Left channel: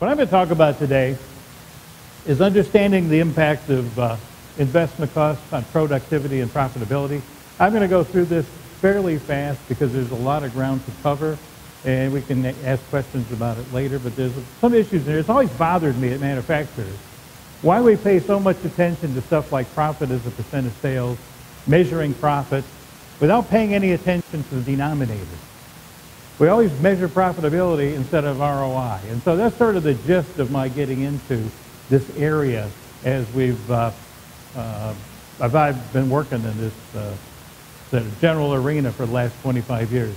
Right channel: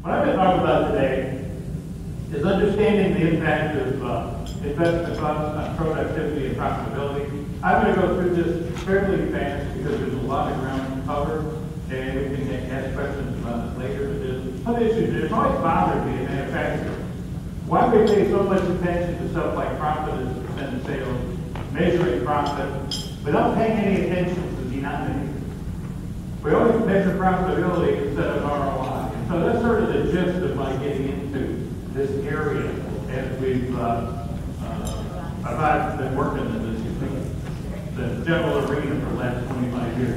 What I'm going to talk about today is understanding the impact of investment costs on productivity and profitability. I'm going to go through this fairly fast because there's a lot of ground to cover, and we can ask questions about it later, but there's some issues there. It's always bothered me as manufacturers why we pay so much attention to stuff like profit as a percent of sales, measuring profit, without paying any attention to the denominator. We always measure profitability instead of ROI. And so that's sort of the gist of my getting into this area as I've been working in this the general arena for the last 25 years.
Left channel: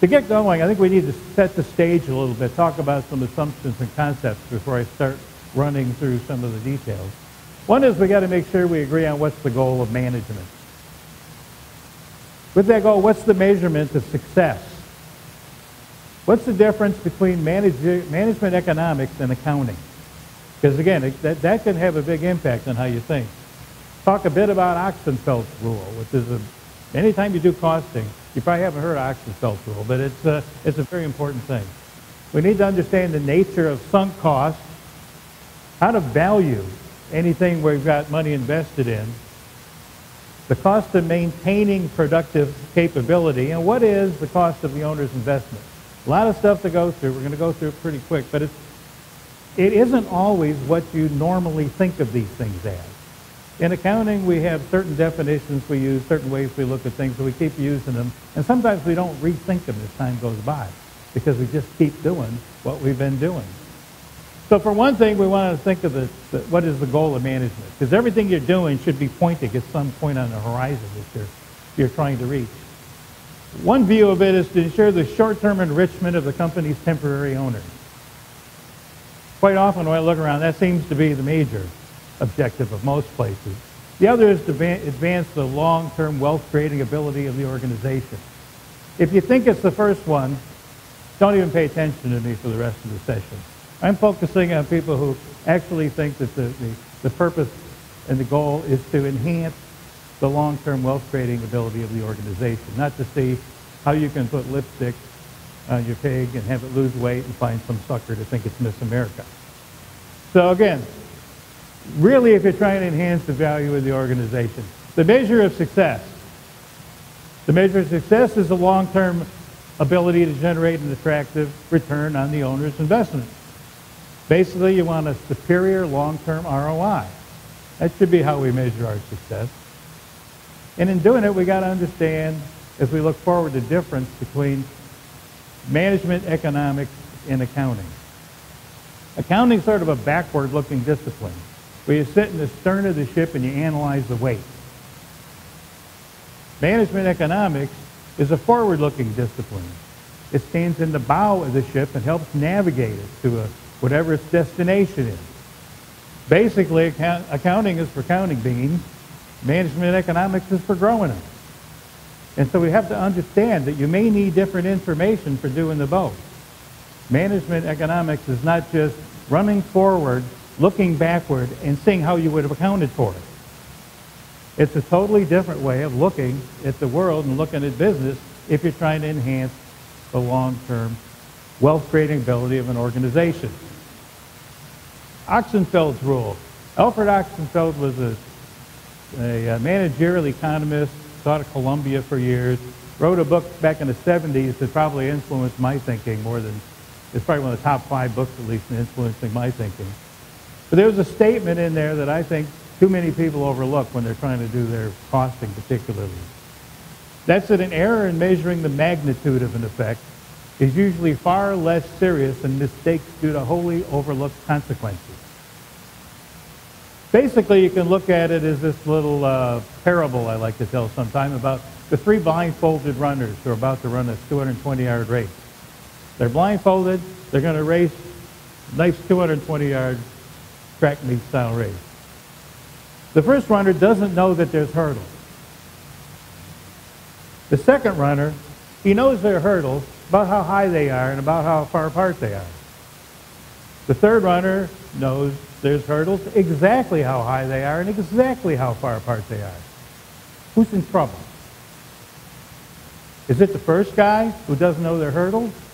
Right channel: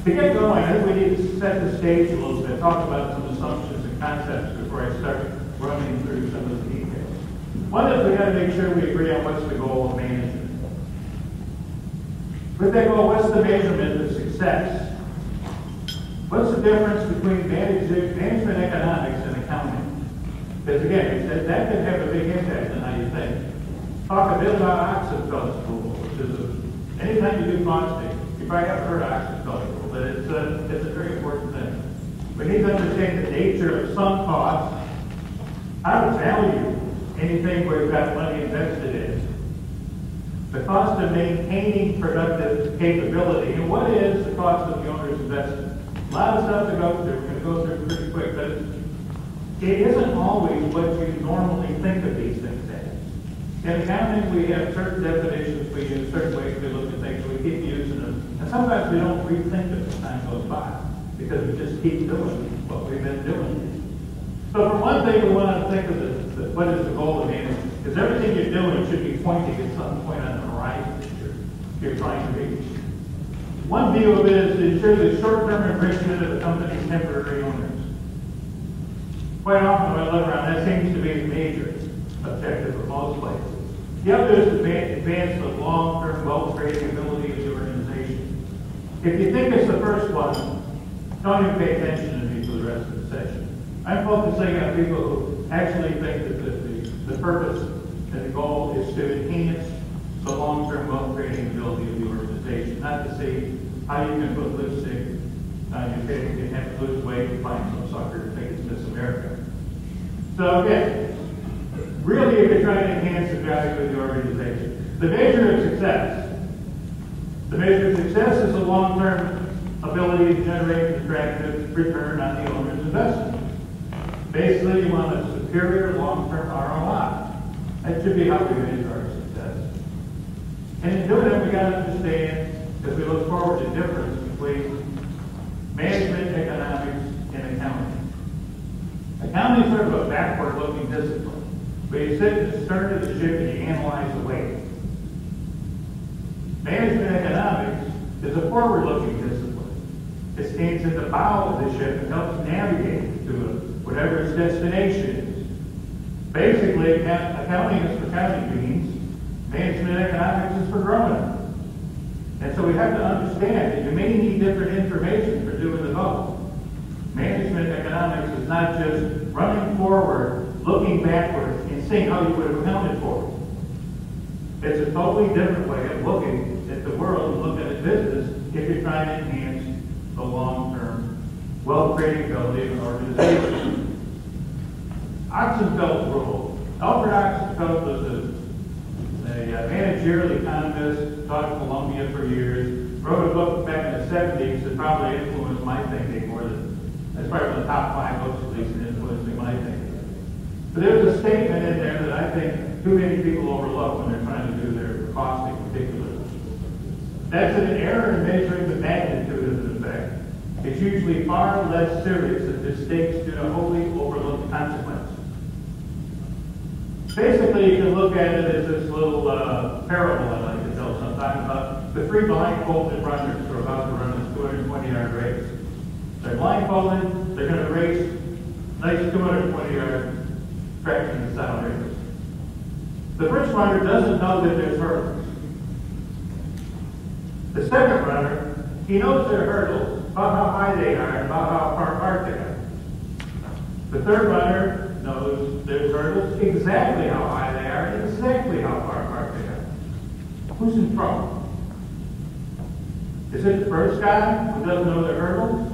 To get going, I think we need to set the stage a little bit, talk about some assumptions and concepts before I start running through some of the details. One is we got to make sure we agree on what's the goal of management. With that goal, what's the measurement of success? What's the difference between management economics and accounting? Because again, that could have a big impact on how you think. Talk a bit about Oxenfeld's rule, which is anytime you do costing, you probably haven't heard of Oxenfeld's rule, but it's a very important thing. We need to understand the nature of sunk costs, how to value anything we've got money invested in, the cost of maintaining productive capability, and what is the cost of the owner's investment. A lot of stuff to go through. We're going to go through it pretty quick, but it isn't always what you normally think of these things as. In accounting, we have certain definitions we use, certain ways we look at things, so we keep using them. And sometimes we don't rethink them as time goes by because we just keep doing what we've been doing. So for one thing, we want to think of what is the goal of management? Because everything you're doing should be pointing at some point on the horizon that you're trying to reach. One view of it is to ensure the short-term enrichment of the company's temporary owners. Quite often when I look around, that seems to be the major objective of most places. The other is to advance the long-term wealth-creating ability of the organization. If you think it's the first one, don't even pay attention to me for the rest of the session. I'm focusing on people who actually think that the purpose and the goal is to enhance the long-term wealth-creating ability of the organization, not to see how you can put lipstick on your cake and have to lose weight and find some sucker to think it's Miss America. So again, really if you're trying to enhance the value of the organization, the measure of success. The measure of success is the long-term ability to generate an attractive return on the owner's investment. Basically, you want a superior long-term ROI. That should be how we measure our success. And in doing it, we got to understand, as we look forward, the difference between management economics and accounting. Accounting is sort of a backward-looking discipline, where you sit in the stern of the ship and you analyze the weight. Management economics is a forward-looking discipline. It stands in the bow of the ship and helps navigate it to whatever its destination is. Basically, accounting is for counting beans. Management economics is for growing them. And so we have to understand that you may need different information for doing the both. Management economics is not just running forward, looking backward, and seeing how you would have accounted for it. It's a totally different way of looking at the world and looking at business if you're trying to enhance the long-term wealth-creating ability of an organization. Oxenfeld's rule. Alfred Oxenfeld was a managerial economist, taught at Columbia for years, wrote a book back in the 70s that probably influenced my thinking more than, it's probably one of the top 5 books at least in influencing my thinking. But there's a statement in there that I think too many people overlook when they're trying to do their costing particularly. That's that an error in measuring the magnitude of an effect is usually far less serious than mistakes due to wholly overlooked consequences. Basically, you can look at it as this little parable I like to tell sometime about the 3 blindfolded runners who are about to run a 220-yard race. They're blindfolded, they're going to race a nice 220-yard track meet style race. The first runner doesn't know that there's hurdles. The second runner, he knows there are hurdles, about how high they are and about how far apart they are. The third runner knows there's hurdles, exactly how high they are and exactly how far apart they are. Who's in trouble? Is it the first guy who doesn't know their hurdles?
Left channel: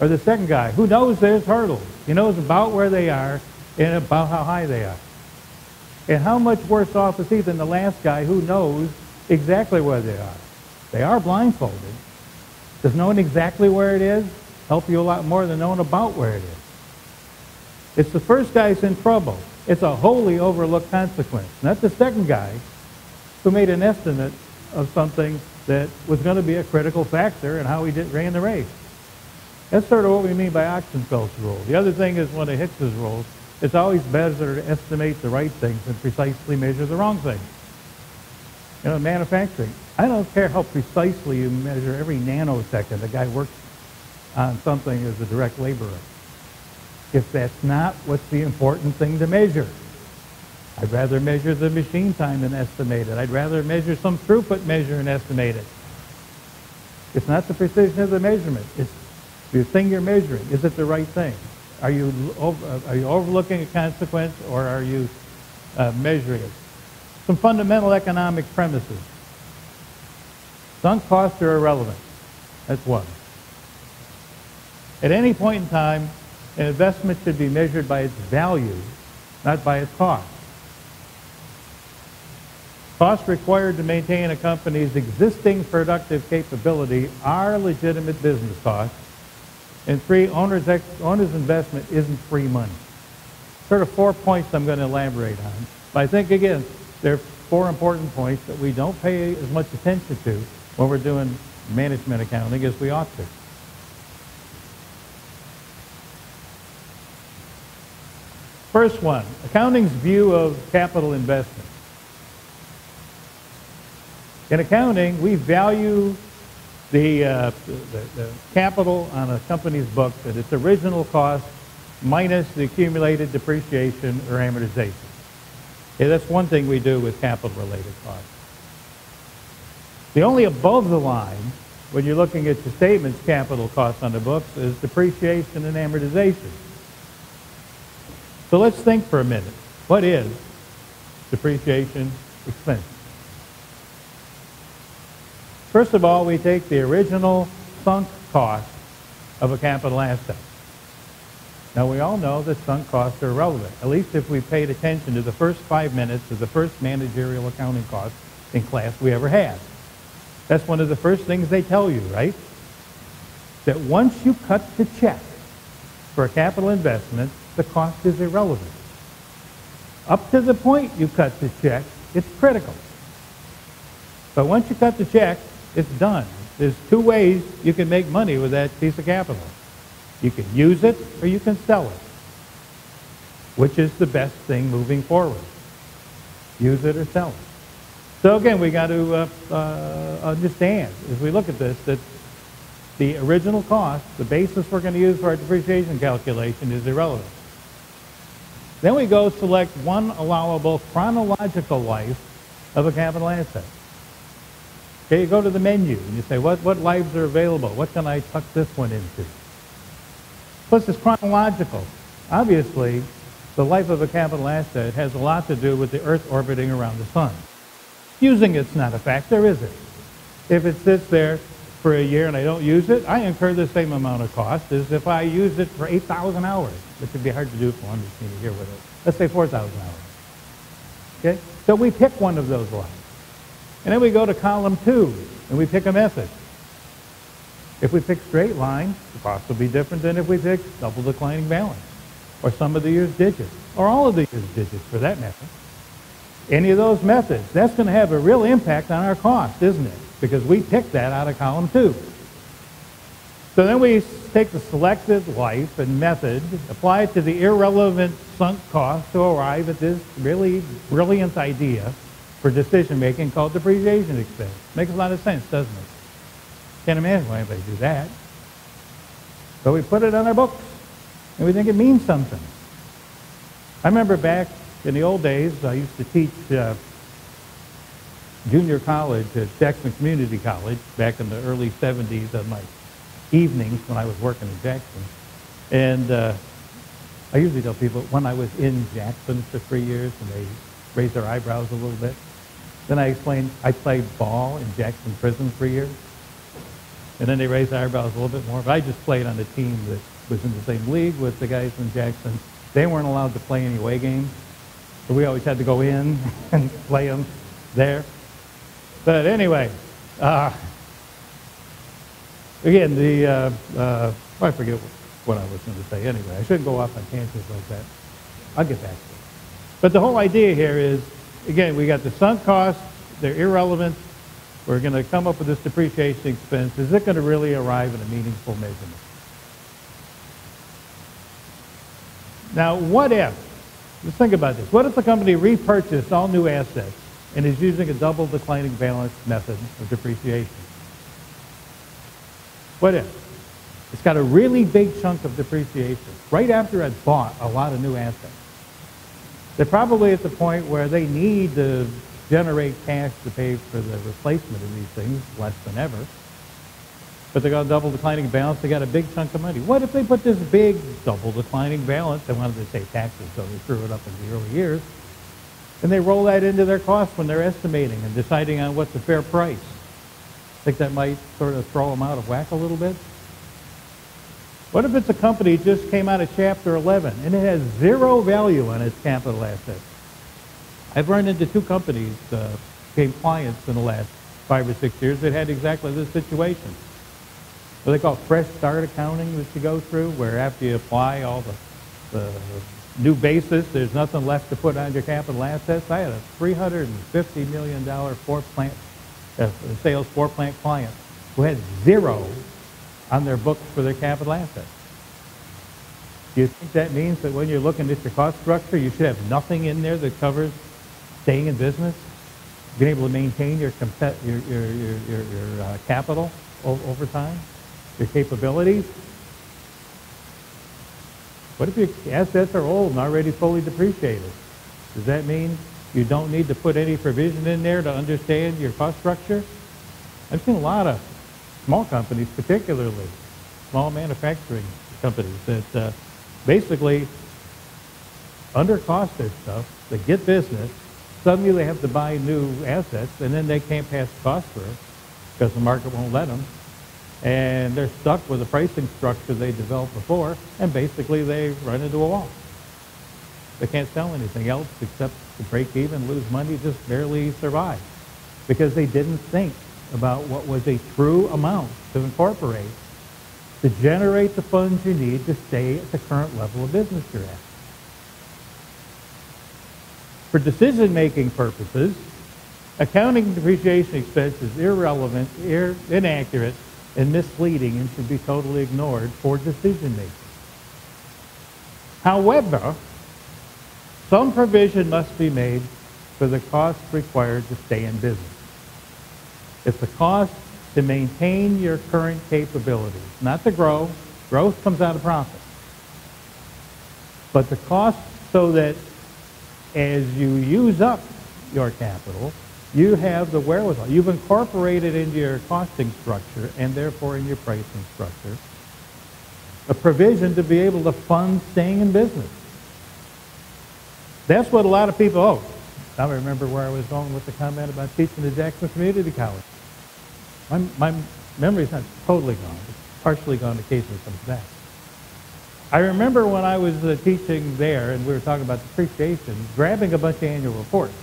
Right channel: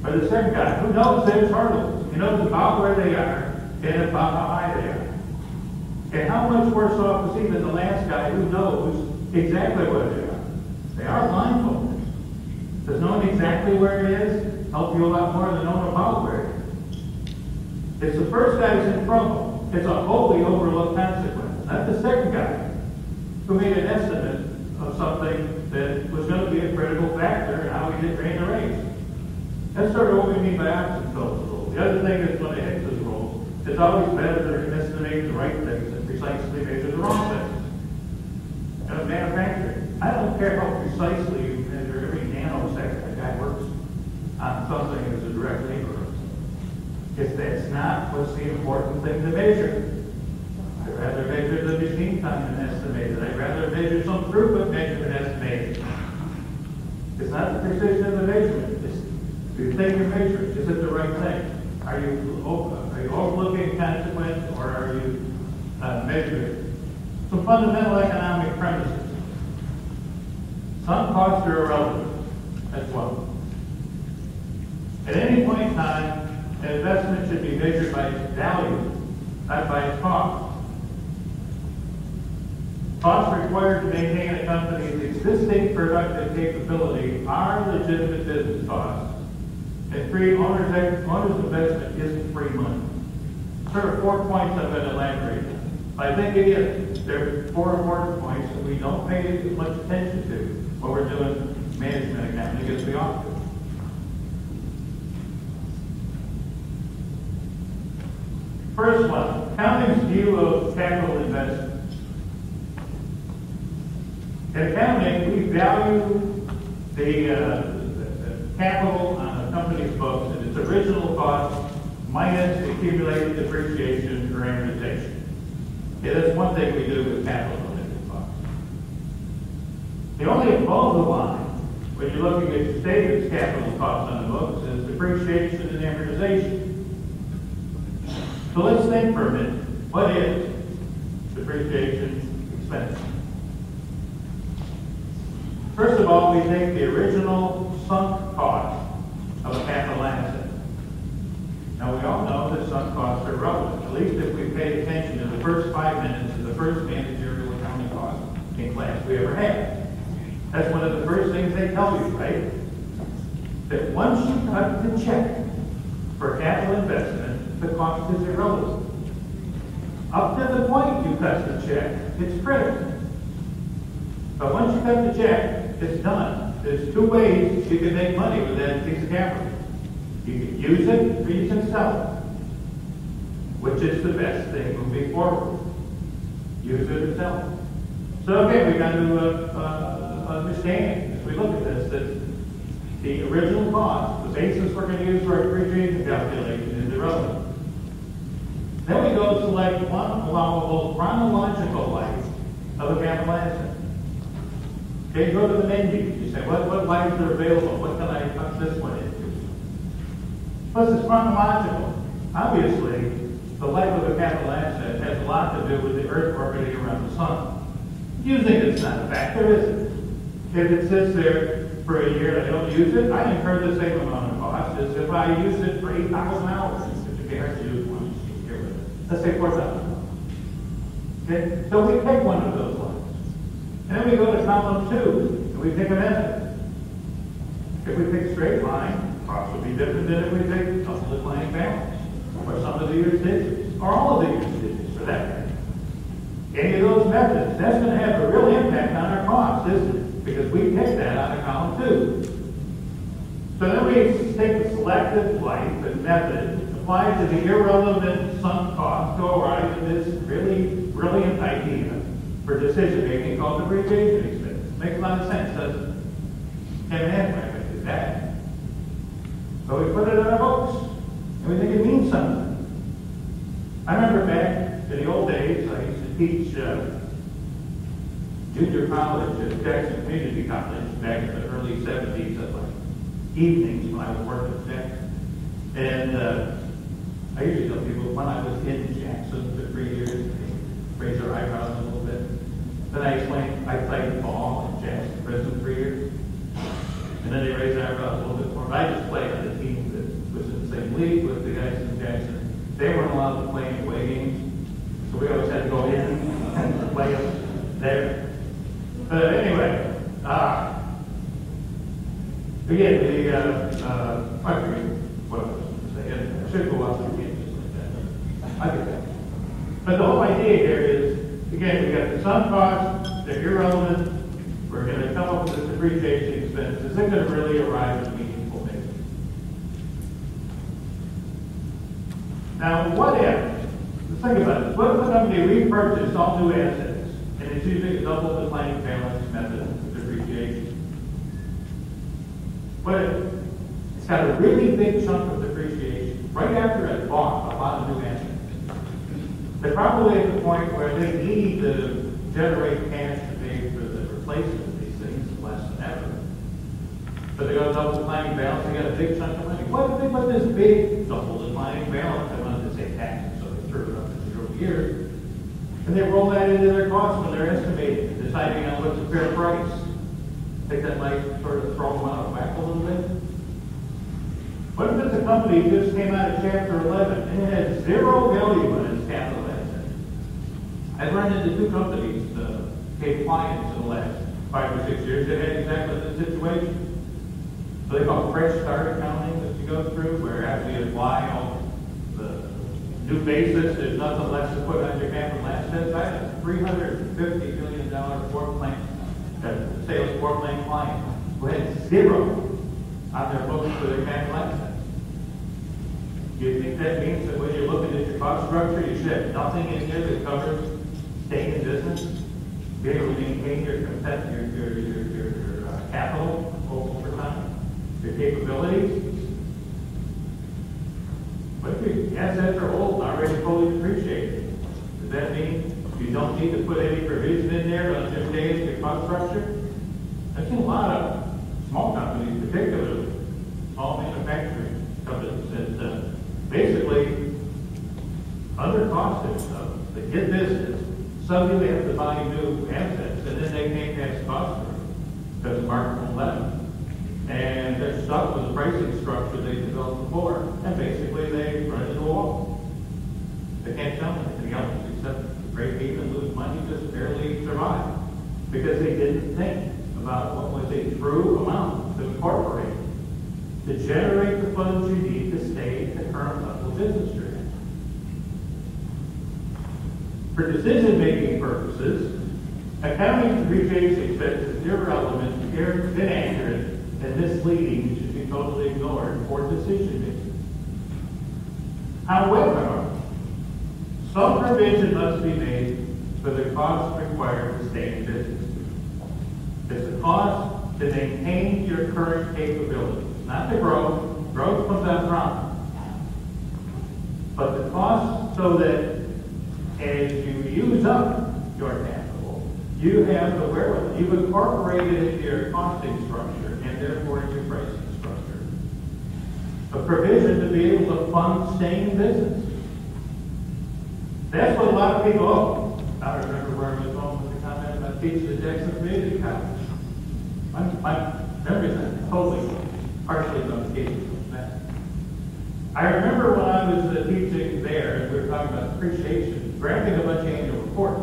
Or the second guy who knows their hurdles. He knows about where they are and about how high they are. And how much worse off is he than the last guy who knows exactly where they are? They are blindfolded. Does knowing exactly where it is help you a lot more than knowing about where it is? It's the first guy who's in trouble. It's a wholly overlooked consequence. And that's the second guy who made an estimate of something that was going to be a critical factor in how he ran the race. That's sort of what we mean by Oxenfeld's rule. The other thing is one of Hicks's rules. It's always better to estimate the right things than precisely measure the wrong things. You know, manufacturing. I don't care how precisely you measure every nanosecond a guy works on something as a direct laborer. If that's not what's the important thing to measure. I'd rather measure the machine time than estimate it. I'd rather measure some throughput measure than estimate it. It's not the precision of the measurement. It's the thing you're measuring. Is it the right thing? Are you overlooking a consequence, or are you measuring it? Some fundamental economic premises. Sunk costs are irrelevant. That's one. At any point in time, an investment should be measured by its value, not by its cost. Costs required to maintain a company's existing productive capability are legitimate business costs. And three, owner's investment isn't free money. Sort of 4 points I'm going to elaborate on. But I think, again, there are 4 important points that we don't pay as much attention to when we're doing management accounting as we ought to. First one, accounting's view of capital investment. In accounting, we value the capital on a company's books at its original cost minus the accumulated depreciation or amortization. Okay, that's one thing we do with capital-related costs. The only above the line, when you're looking at the statement's capital costs on the books, is depreciation and amortization. So let's think for a minute. What is depreciation expense? First of all, we take the original sunk cost of a capital asset. Now, we all know that sunk costs are relevant, at least if we paid attention to the first 5 minutes of the first managerial accounting class in class we ever had. That's one of the first things they tell you, right? That once you cut the check for a capital investment, the cost is irrelevant. Up to the point you cut the check, it's critical. But once you cut the check, it's done. There's 2 ways you can make money with that piece of capital. You can use it or you can sell it. Which is the best thing moving forward? Use it or sell it. So again, we got to understand, as we look at this, that the original cost, the basis we're going to use for our depreciation calculation, is irrelevant. Then we go select one allowable chronological life of a capital asset. Okay, you go to the menu and you say, what lives are available? What can I tuck this one into? Plus, it's chronological. Obviously, the life of a capital asset has a lot to do with the Earth orbiting around the sun. Using it's not a factor, is it? If it sits there for a year and I don't use it, I incur the same amount of cost as if I use it for 8,000 hours. It could be hard to do for one machine here with it. Let's say 4,000 hours. Okay? So we pick one of those lives. And then we go to column 2, and we pick a method. If we pick straight line, cost will be different than if we pick double declining balance, or some of the year's digits, or all of the year's digits for that matter. Any of those methods, that's going to have a real impact on our cost, isn't it? Because we picked that out of column 2. So then we take the selected life and method, apply it to the irrelevant sunk cost to arrive at this really brilliant idea for decision making called depreciation expense. Makes a lot of sense, doesn't it? Can't imagine why I do that. So we put it on our books, and we think it means something. I remember back in the old days, I used to teach junior college at Jackson Community College back in the early 70s of my evenings when I was working at Jackson. And I usually tell people when I was in Jackson for 3 years, and they raised their eyebrows a little bit. Then I explained I played ball in Jackson Prison for a year. And then they raised our eyebrows a little bit more. But I just played on the team that was in the same league with the guys in Jackson. They weren't allowed to play any away games. So we always had to go in and play them there. But anyway, again, I forget what I was going to say anyway. I should go off on tangents like that. I'll get there. But the whole idea here is, again, we got the sunk costs, they're irrelevant. We're going to come up with this depreciation expense. Is it going to really arrive at a meaningful measure? Now, what if, let's think about this. What if the company repurchased all new assets and is using a double declining balance method of depreciation? What if it's got a really big chunk of depreciation right after it's bought a lot of new assets? They're probably at the point where they need to generate cash to pay for the replacement of these things, less than ever. But they got a double declining balance, they got a big chunk of money. What if they put this big double declining balance, and I'm going to say taxes, so they screw it up in the early years, and they roll that into their costs when they're estimating and deciding on what's the fair price? Think that might sort of throw them out of whack a little bit? What if it's a company that just came out of Chapter 11 and it has zero value on its capital assets? I've run into two companies, became clients in the last 5 or 6 years that had exactly this situation. What they call fresh start accounting that you go through, where after you apply all the new basis, there's nothing left to put on your capital assets. I had a $350 million sales floor plan client who had zero on their books for their capital assets. Do you think that means that when you're looking at your cost structure, you should have nothing in there that covers staying in business, being able to maintain your capital over time, your capability? What if your assets are old and already fully depreciated? Does that mean you don't need to put any provision in there to understand your cost structure? I've seen a lot of small companies, particularly small manufacturing companies, that basically under-costed stuff. They get business, suddenly they have to buy new assets, and then they can't pass cost through because the market won't let them. And they're stuck with a pricing structure they developed before, and basically they run into a wall. They can't sell anything else except to break even, lose money, just barely survive, because they didn't think about what was a true amount to incorporate to generate the funds you need to stay at the current level of business you're at. For decision-making purposes, accounting depreciation expense is irrelevant, inaccurate, and misleading, and should be totally ignored for decision-making. However, some provision must be made for the costs required to stay in business. It's the cost to maintain your current capability, not the growth. Growth comes on promise. But the cost so that as you use up your capital, you have the wherewithal. You've incorporated into your costing structure and therefore in your pricing structure a provision to be able to fund staying in business. That's what a lot of people, now I remember where I was going with the comment about teaching the Jackson Community College. My memory's not totally gone, partially gone occasionally like that. I remember when I was teaching there, as we were talking about depreciation, grabbing a bunch of annual reports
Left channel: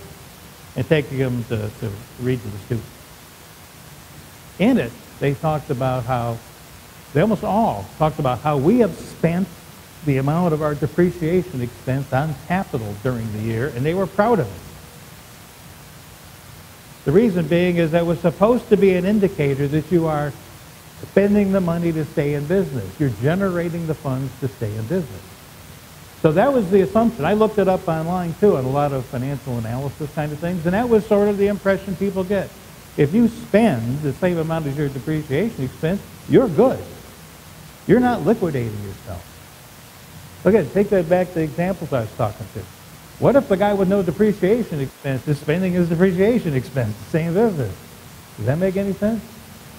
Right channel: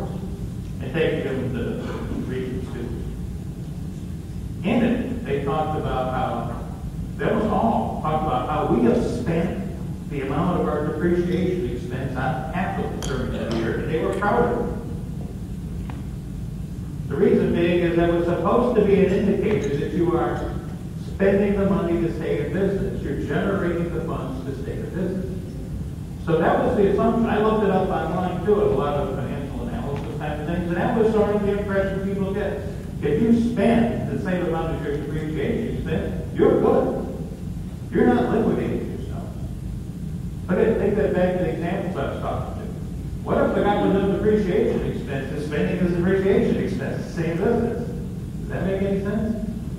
and taking them to read to the students. In it, they talked about how, they almost all talked about how we have spent the amount of our depreciation expense on capital during the year, and they were proud of it. The reason being is that it was supposed to be an indicator that you are spending the money to stay in business. You're generating the funds to stay in business. So that was the assumption. I looked it up online too, at a lot of financial analysis kind of things, and that was sort of the impression people get. If you spend the same amount as your depreciation expense, you're good. You're not liquidating yourself. Look at it, take that back to the examples I was talking to. What if the guy with no depreciation expense is spending his depreciation expense, same business? Does that make any sense?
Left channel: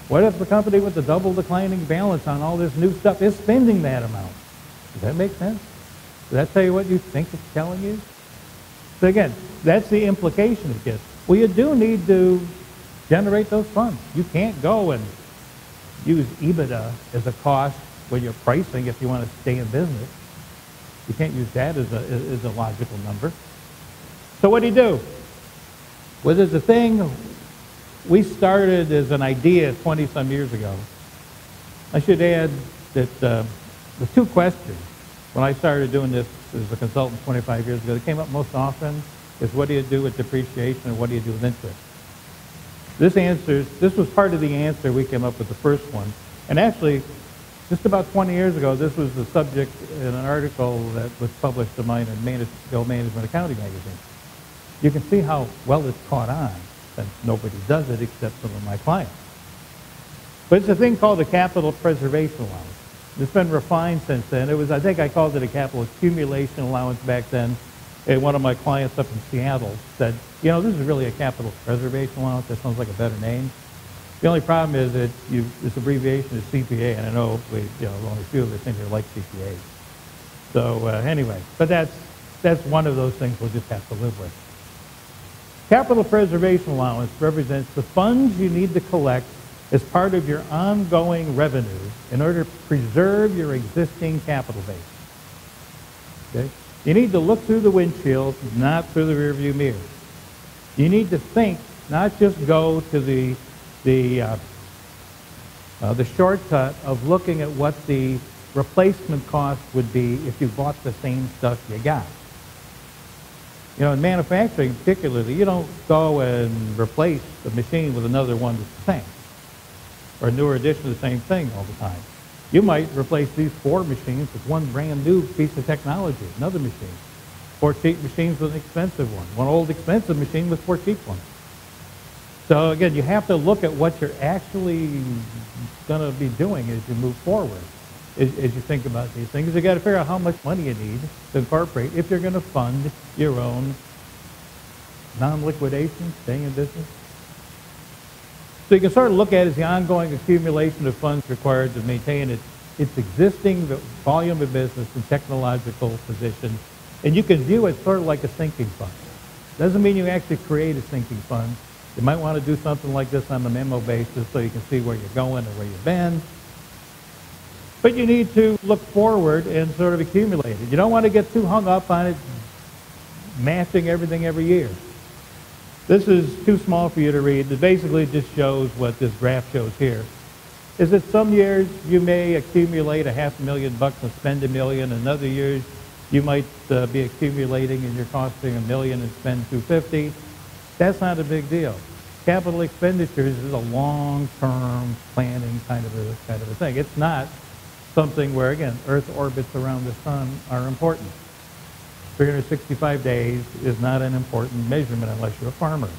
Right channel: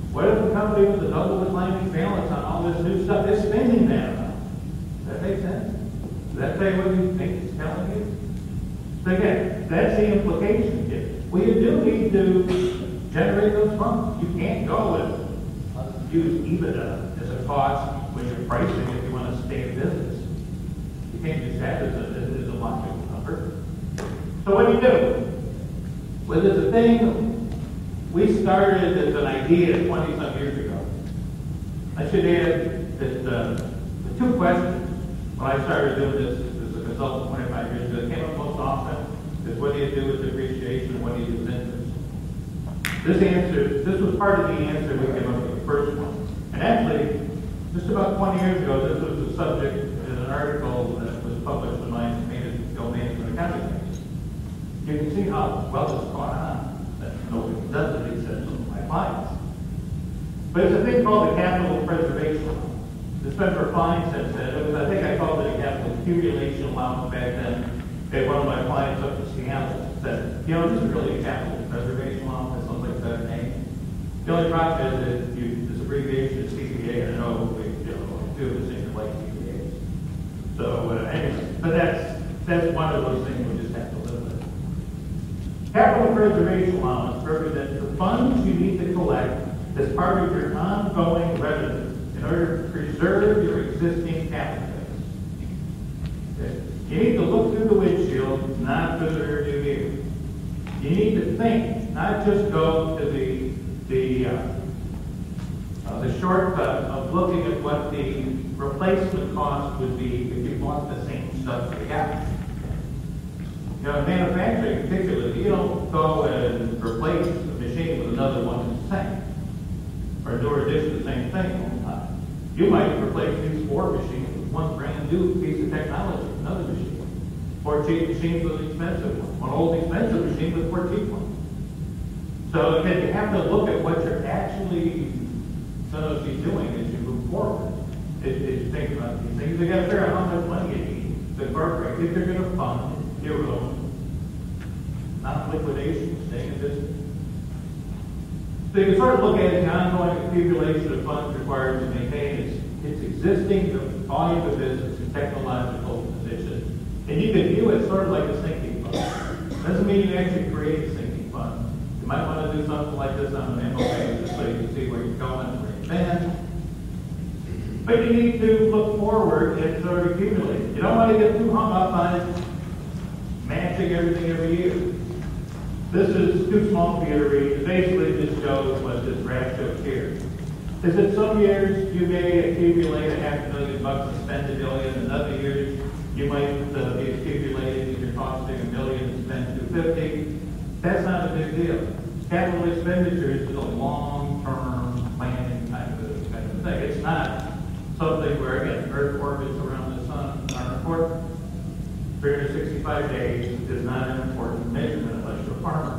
What if the company with the double declining balance on all this new stuff is spending that amount? Does that make sense? Does that tell you what you think it's telling you? So again, that's the implication, kids. Well, you do need to generate those funds. You can't go and use EBITDA as a cost when you're pricing if you want to stay in business. You can't use that as a logical number. So what do? Well, there's a thing we started as an idea 20-some years ago. I should add that the two questions when I started doing this as a consultant 25 years ago, that came up most often is what do you do with depreciation and what do you do with interest? This was part of the answer we came up with the first one. And actually, just about 20 years ago, this was the subject in an article that was published in my Management Accounting magazine. You can see how well it's caught on, that nobody does it except some of my clients. But it's a thing called a capital preservation allowance. It's been refined since then. I think I called it a capital accumulation allowance back then. And one of my clients up in Seattle said, you know, this is really a capital preservation allowance. That sounds like a better name. The only problem is that this abbreviation is CPA. I know only a few of us think they like CPA. So anyway, but that's one of those things we'll just have to live with. Capital preservation allowance represents the funds you need to collect as part of your ongoing revenue in order to preserve your existing capital base. Okay? You need to look through the windshield, not through the rearview mirror. You need to think, not just go to the shortcut of looking at what the replacement cost would be if you bought the same stuff you got. You know, in manufacturing particularly, you don't go and replace the machine with another one that's the same, or do or addition the same thing all the time. You might replace these 4 machines with one brand new piece of technology, another machine. 4 cheap machines with expensive ones, one old expensive machine with 4 cheap ones. So again, you have to look at what you're actually going to be doing as you move forward. As you think about these things, you got to figure out how much money you need to incorporate if you're going to fund your own non-liquidation, staying in business. So you can sort of look at it as the ongoing accumulation of funds required to maintain its existing volume of business and technological position. And you can view it sort of like a sinking fund. Doesn't mean you actually create a sinking fund. You might want to do something like this on a memo basis so you can see where you're going and where you've been. But you need to look forward and sort of accumulate it. You don't want to get too hung up on it, matching everything every year. This is too small for you to read. It basically just shows what this graph shows here. Is that some years you may accumulate $500,000 and spend $1 million, and other years you might be accumulating and you're costing $1 million and spend $250,000. That's not a big deal. Capital expenditures is a long-term planning kind of thing. It's not something where, again, Earth orbits around the sun are important. 365 days is not an important measurement unless you're a farmer.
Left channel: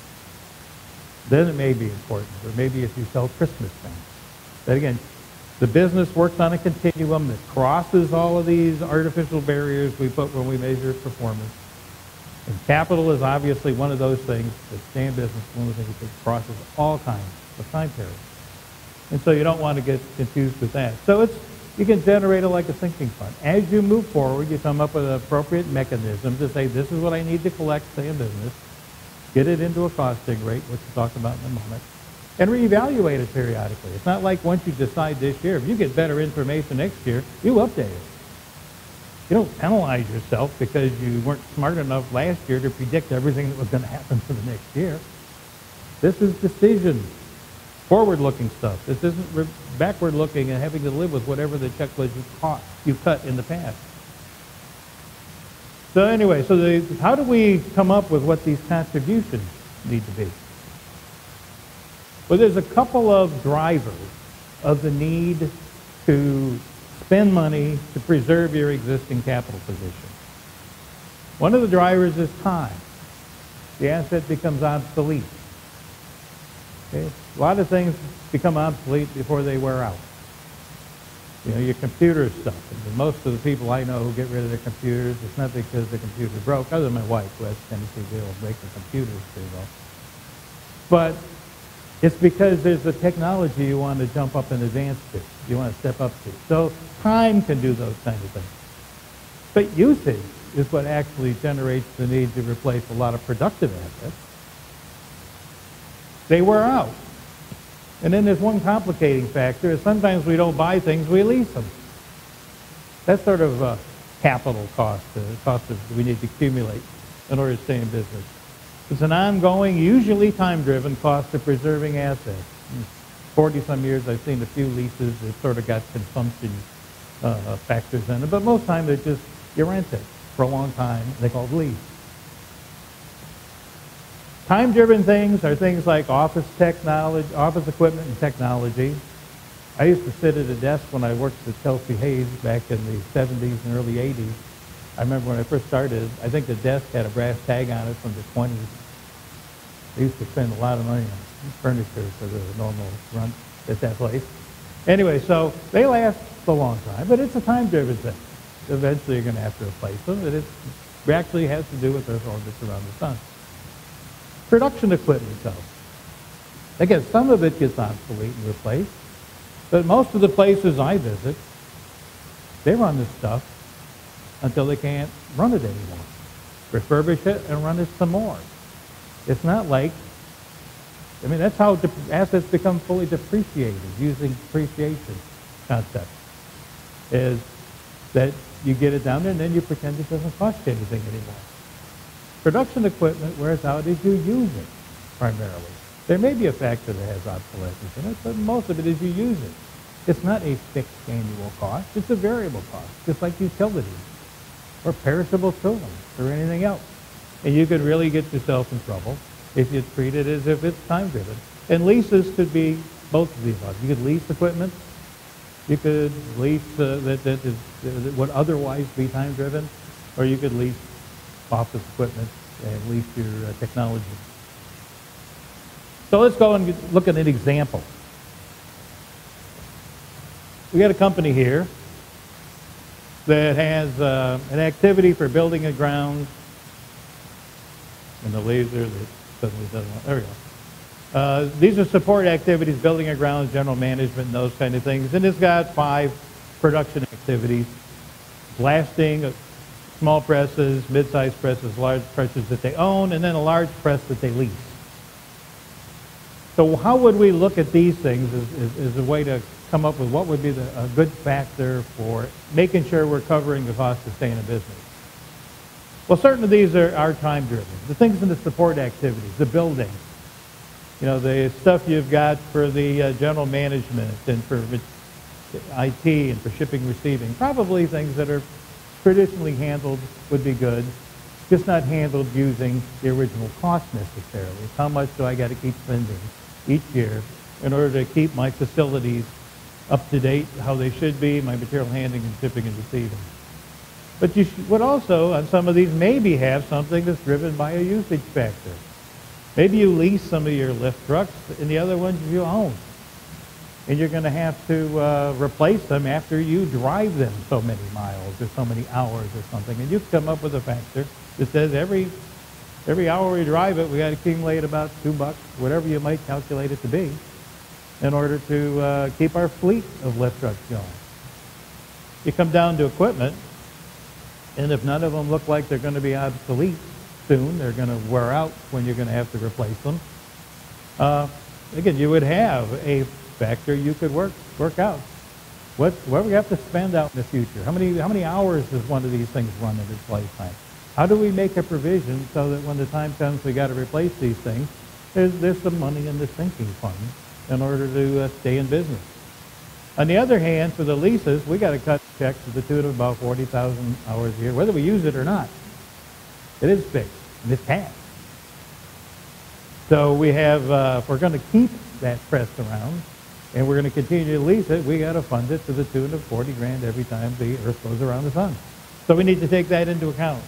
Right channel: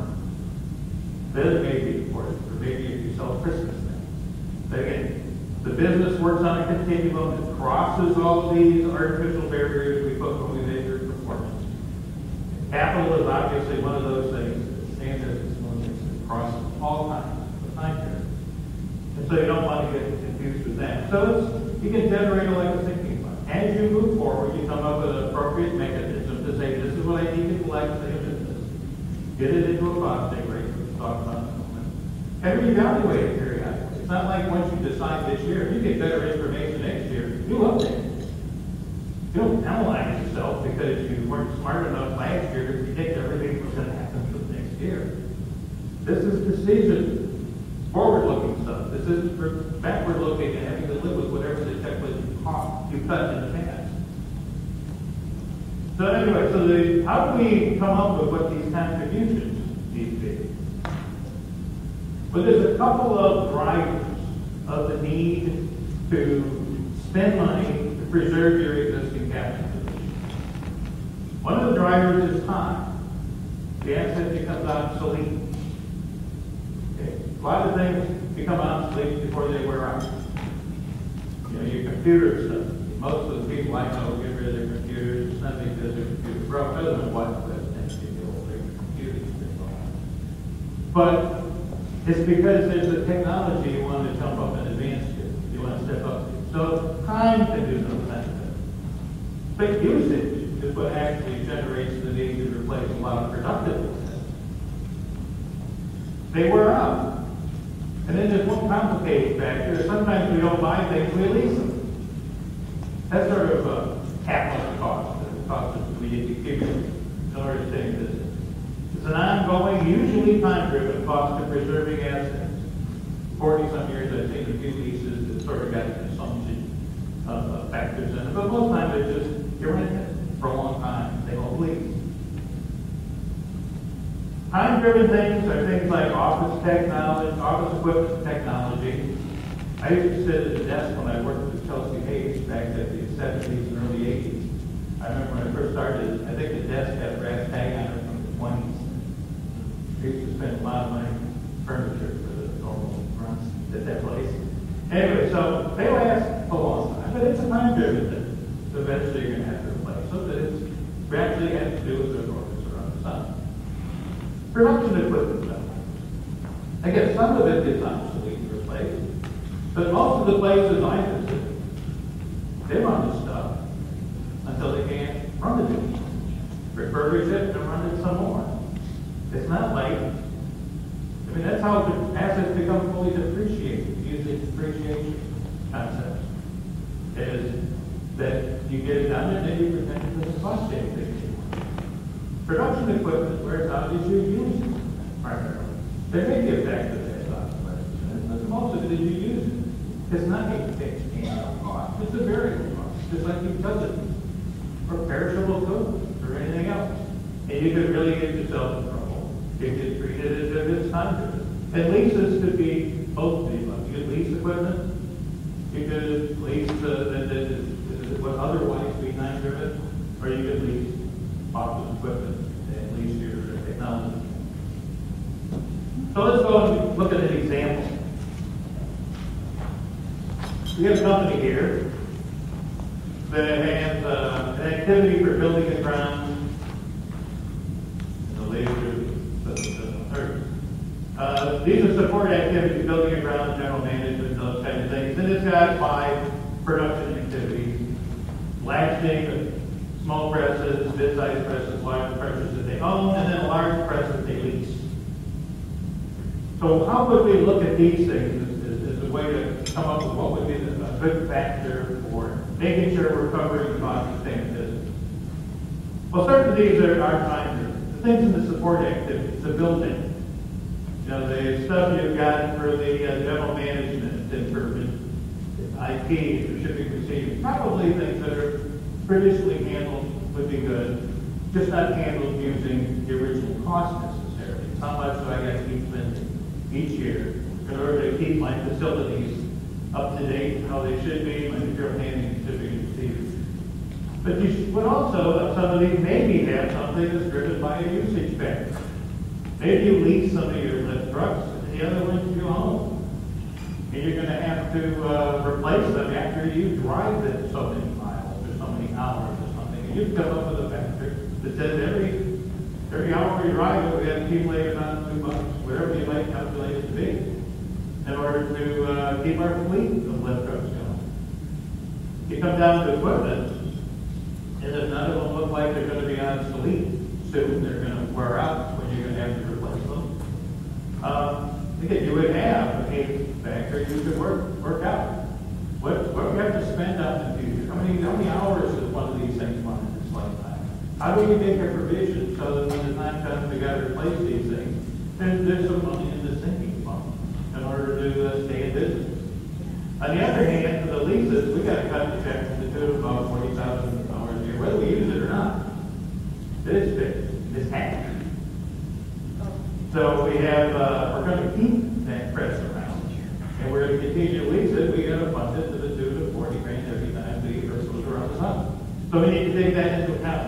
Then it may be important, or maybe if you sell Christmas things. But again, the business works on a continuum that crosses all of these artificial barriers we put when we measure performance. And capital is obviously one of those things that stands as one of the things that crosses all kinds of time periods. And so you don't want to get confused with that. So you can generate it like a sinking fund. As you move forward, you come up with an appropriate mechanism to say, this is what I need to collect, say, in business, get it into a costing rate, which we'll talk about in a moment, and reevaluate it periodically. It's not like once you decide this year, if you get better information next year, you update it. You don't penalize yourself because you weren't smart enough last year to predict everything that was going to happen for the next year. This is decision. Forward-looking stuff. This isn't backward-looking and having to live with whatever the checklist cost you cut in the past. So anyway, how do we come up with what these contributions need to be? Well, there's a couple of drivers of the need to spend money to preserve your existing capital position. One of the drivers is time. The asset becomes obsolete. Okay? A lot of things become obsolete before they wear out. You know, your computer stuff. Most of the people I know who get rid of their computers, it's not because their computers are broke, other than my wife who has a tendency to break the computers too. But it's because there's a technology you want to jump up in advance to. You want to step up to. So time can do those kinds of things. But usage is what actually generates the need to replace a lot of productive assets. They wear out. And then there's one complicating factor, is sometimes we don't buy things, we lease them. That's sort of a capital cost, the cost that we need to accumulate in order to stay in business. It's an ongoing, usually time-driven cost of preserving assets. 40-some years, I've seen a few leases that sort of got consumption factors in it, but most times they're just, you rent it for a long time, they go lease. Time-driven things are things like office technology, office equipment and technology. I used to sit at a desk when I worked at Chelsea Hayes back in the 70s and early 80s. I remember when I first started, I think the desk had a brass tag on it from the 20s. They used to spend a lot of money on furniture for the normal run at that place. Anyway, so they last a long time, but it's a time-driven thing. Eventually you're going to have to replace them, but it actually has to do with those orbits around the sun. Production equipment stuff. Again, some of it gets obsolete and replaced, but most of the places I visit, they run this stuff until they can't run it anymore. Refurbish it and run it some more. It's not like, I mean, that's how the assets become fully depreciated, using depreciation concept, is that you get it done and then you pretend it doesn't cost you anything anymore. Production equipment wears out as you use it, primarily. There may be a factor that has obsolescence in it, but most of it is you use it. It's not a fixed annual cost, it's a variable cost, just like utilities, or perishable goods, or anything else. And you could really get yourself in trouble if you treat it as if it's time-driven. And leases could be both of these ones. You could lease equipment, you could lease that would otherwise be time-driven, or you could lease office equipment and lease your technology. So let's go and look at an example. We got a company here that has an activity for building and grounds, and the laser doesn't hurt. These are support activities, building and grounds, general management, and those kind of things. And it's got 5 production activities: blasting, small presses, mid-sized presses, large presses that they own, and then a large press that they lease. So how would we look at these things as a way to come up with what would be a good factor for making sure we're covering the cost of staying in business? Well, certain of these are time-driven. The things in the support activities, the building, you know, the stuff you've got for the general management and for IT and for shipping and receiving, probably things that are traditionally handled would be good, just not handled using the original cost necessarily. How much do I got to keep spending each year in order to keep my facilities up to date, how they should be, my material handling and shipping and receiving. But you would also, some of these maybe have something that's driven by a usage factor. Maybe you lease some of your lift trucks and the other ones you own. And you're going to have to replace them after you drive them so many miles or so many hours or something. And you come up with a factor that says every hour we drive it, we got to accumulate about $2, whatever you might calculate it to be, in order to keep our fleet of lift trucks going. You come down to equipment, and if none of them look like they're going to be obsolete soon, they're going to wear out when you're going to have to replace them. Again, you would have a factor you could work out. What we have to spend out in the future? How many hours does one of these things run in its lifetime? How do we make a provision so that when the time comes we got to replace these things, there's some money in the sinking fund in order to stay in business? On the other hand, for the leases, we got to cut checks to the tune of about 40,000 hours a year, whether we use it or not. It is fixed. It's taxed. So we have, if we're going to keep that press around, and we're going to continue to lease it, we got to fund it to the tune of 40 grand every time the earth goes around the sun. So we need to take that into account.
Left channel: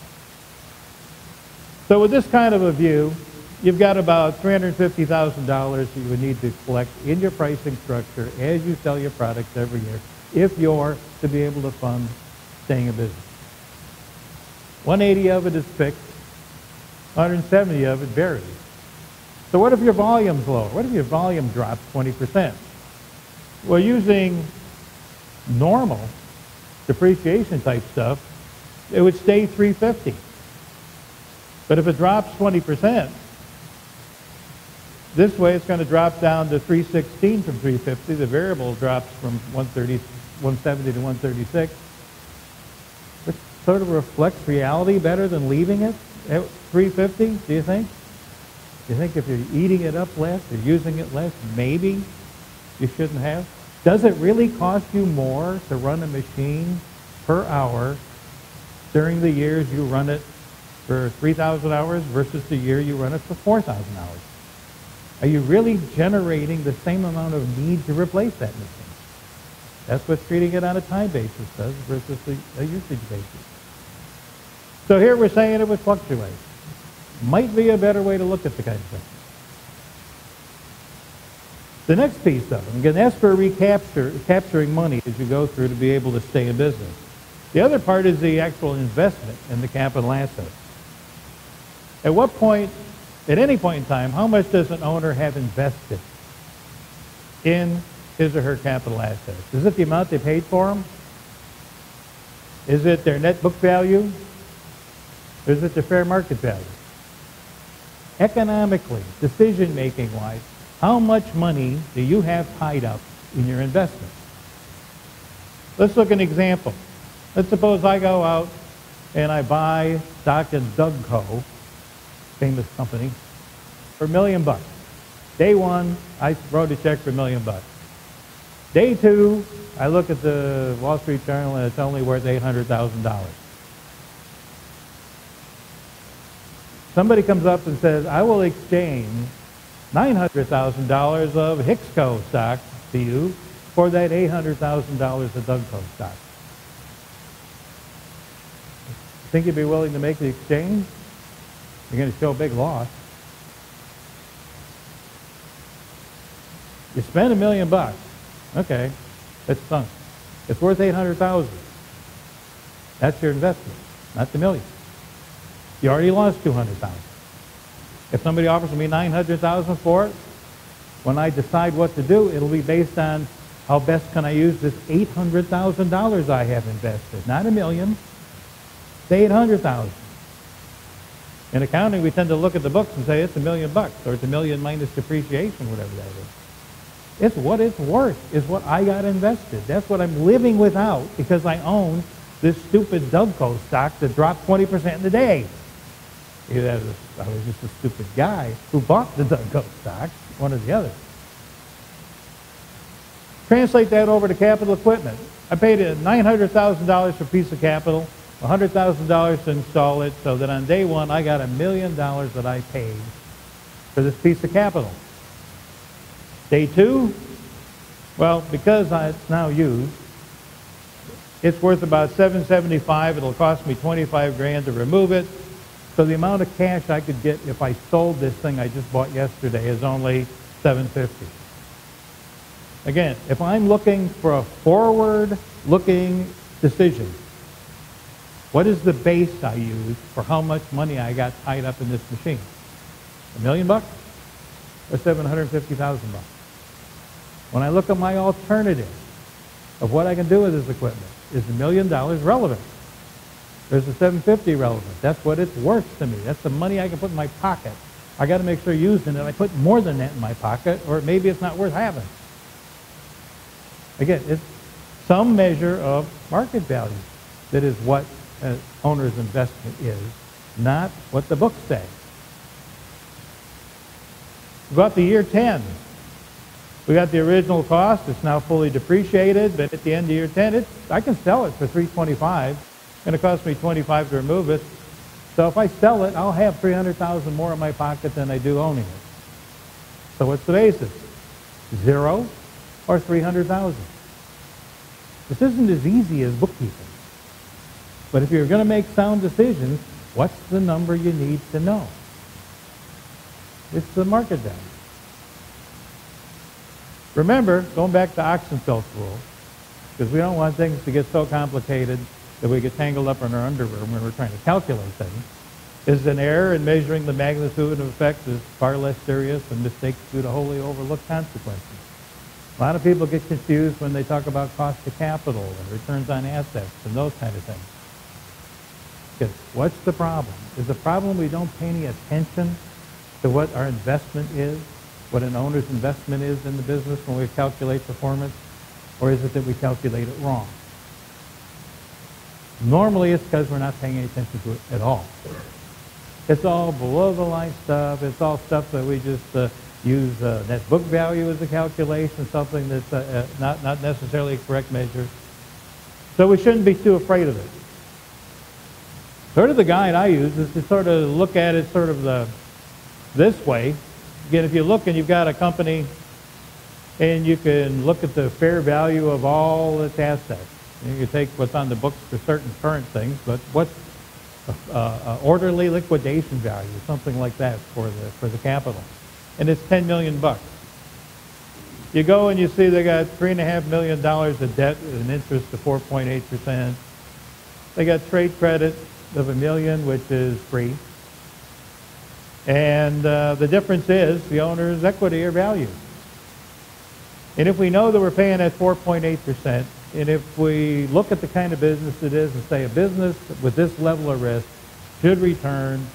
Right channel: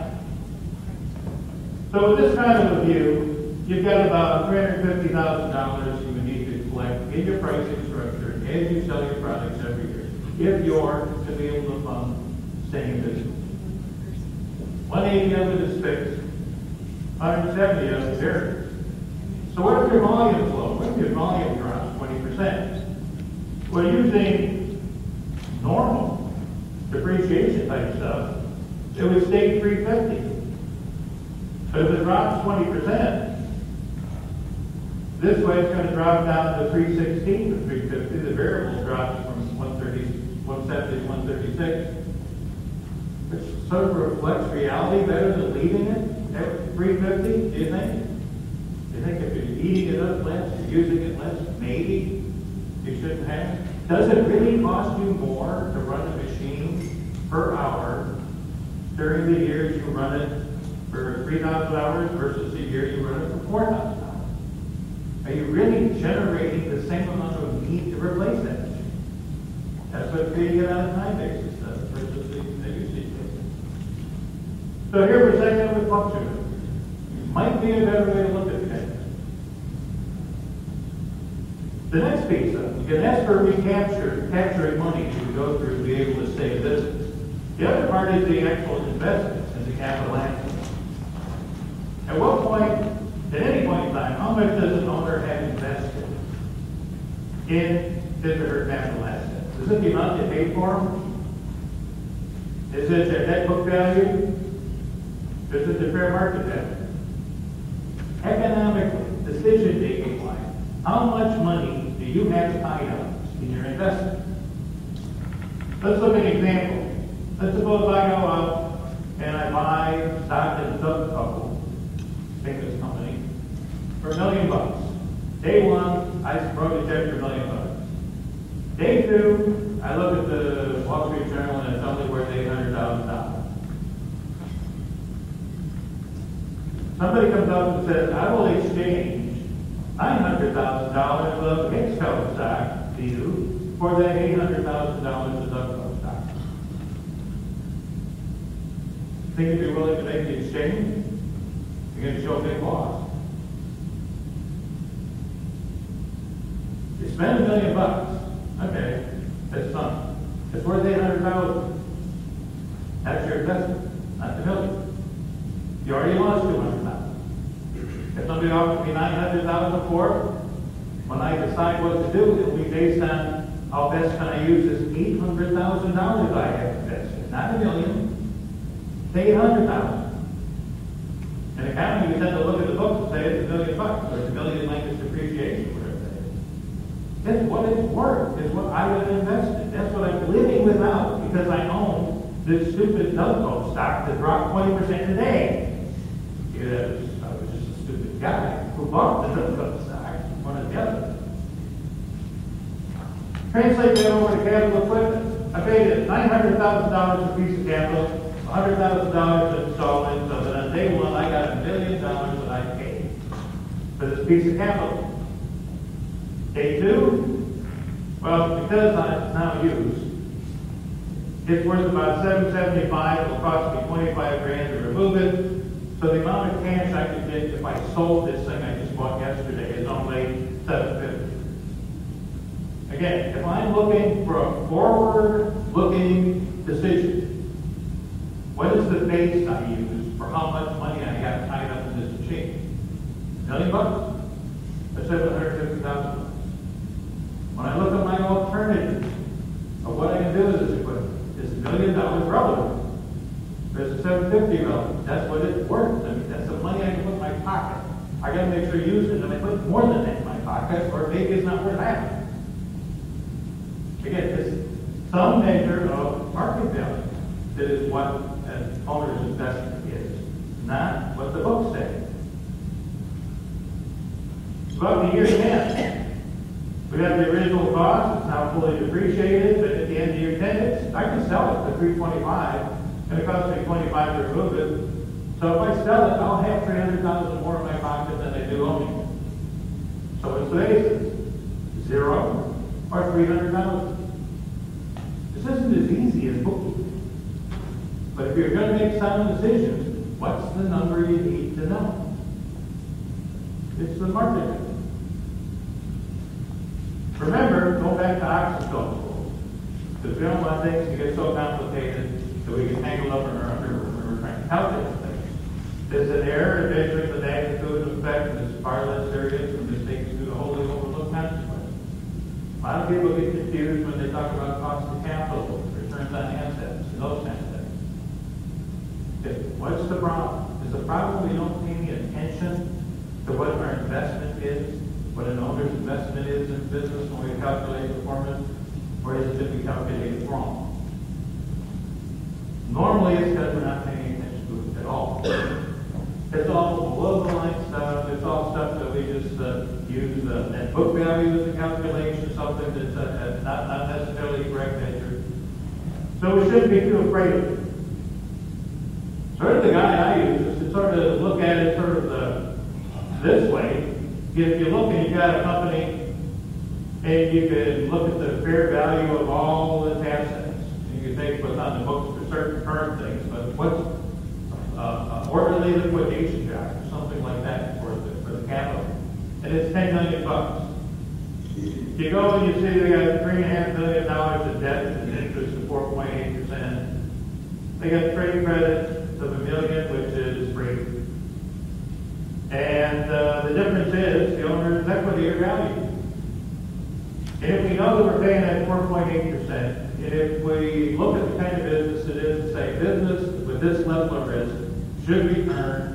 So with this kind of a view, you've got about $350,000 you would need to collect in your pricing structure as you sell your products every year, if you're to be able to fund staying in business. 180 of it is fixed, 170 of it varies. So what if your volume's low? What if your volume drops 20%? Well, using normal depreciation type stuff, it would stay 350. But if it drops 20%, This way it's going to drop down to 316 from 350. The variable drops from 170 to 136. Which sort of reflects reality better than leaving it at 350, do you think? Do you think if you're eating it up less, you're using it less, maybe you shouldn't have? Does it really cost you more to run a machine per hour during the years you run it for 3,000 hours versus the year you run it for 4,000 hours? Are you really generating the same amount of need to replace that thing? That's what treating it on a time basis does versus a usage basis. So here we're saying it would fluctuate. Might be a better way to look at the kind of thing. The next piece, though, you can ask for capturing money as you go through to be able to stay in business. The other part is the actual investment in the capital asset. At what point, at any point in time, how much does an owner have invested in his or her capital assets? Is it the amount they paid for them? Is it their net book value? Or is it the fair market value? Economically, decision-making wise, how much money do you have tied up in your investment? Let's look at an example. Let's suppose I go out and I buy stock in Dougco, famous company, for $1 million. Day one, I wrote a check for $1 million. Day two, I look at the Wall Street Journal and it's only worth $800,000. Somebody comes up and says, I will exchange $900,000 of Hicks stock to you for that $800,000 of Dougco stock. Think you'd be willing to make the exchange? You're going to show a big loss. You spend $1 million. Okay, that's something. It's worth $800,000. That's your investment, not the million. You already lost $200,000. If somebody offers me $900,000 for it, when I decide what to do, it'll be based on how best can I use this $800,000 I have invested, not $1 million. It's $800,000. In accounting, we tend to look at the books and say it's $1 million, or it's $1 million minus depreciation, whatever that is. It's what it's worth, is what I got invested. That's what I'm living without because I own this stupid Dougco stock that dropped 20% today. Either I was just a stupid guy who bought the Dougco stock, one or the other. Translate that over to capital equipment. I paid $900,000 for a piece of capital, $100,000 to install it, so that on day one I got $1 million that I paid for this piece of capital. Day two, well, because it's now used, it's worth about $775. It'll cost me $25,000 to remove it. So the amount of cash I could get if I sold this thing I just bought yesterday is only $750. Again, if I'm looking for a forward-looking decision, what is the base I use for how much money I got tied up in this machine? $1 million or $750,000? When I look at my alternative of what I can do with this equipment, is $1 million relevant? Or is the $750 relevant? That's what it's worth to me. That's the money I can put in my pocket. I got to make sure I use it, and I put more than that in my pocket, or maybe it's not worth having. Again, it's some measure of market value that is what an owner's investment is, not what the book says. About the year 10, we got the original cost. It's now fully depreciated, but at the end of year 10, I can sell it for $325. It's going to cost me $25 to remove it. So if I sell it, I'll have $300,000 more in my pocket than I do owning it. So what's the basis? 0 or $300,000. This isn't as easy as bookkeeping. But if you're going to make sound decisions, what's the number you need to know? It's the market value. Remember, going back to Oxenfeld rule, because we don't want things to get so complicated that we get tangled up in our underwear when we're trying to calculate things, is that error in measuring the magnitude of effect is far less serious than mistakes due to wholly overlooked consequences. A lot of people get confused when they talk about cost of capital or returns on assets and those kind of things. Because what's the problem? Is the problem we don't pay any attention to what our investment is? what an owner's investment is in the business when we calculate performance, or is it that we calculate it wrong? Normally it's because we're not paying any attention to it at all. It's all below the line stuff. It's all stuff that we just use net book value as a calculation, something that's not necessarily a correct measure. So we shouldn't be too afraid of it. Sort of the guide I use is to sort of look at it sort of this way. Again, if you look and you've got a company and you can look at the fair value of all its assets. And you take what's on the books for certain current things, but what's orderly liquidation value, something like that for the capital. And it's $10 million bucks. You go and you see they got $3.5 million of debt and an interest of 4.8%. They got trade credit of $1 million, which is free. And the difference is the owner's equity or value. And if we know that we're paying at 4.8%, and if we look at the kind of business it is and say a business with this level of risk should return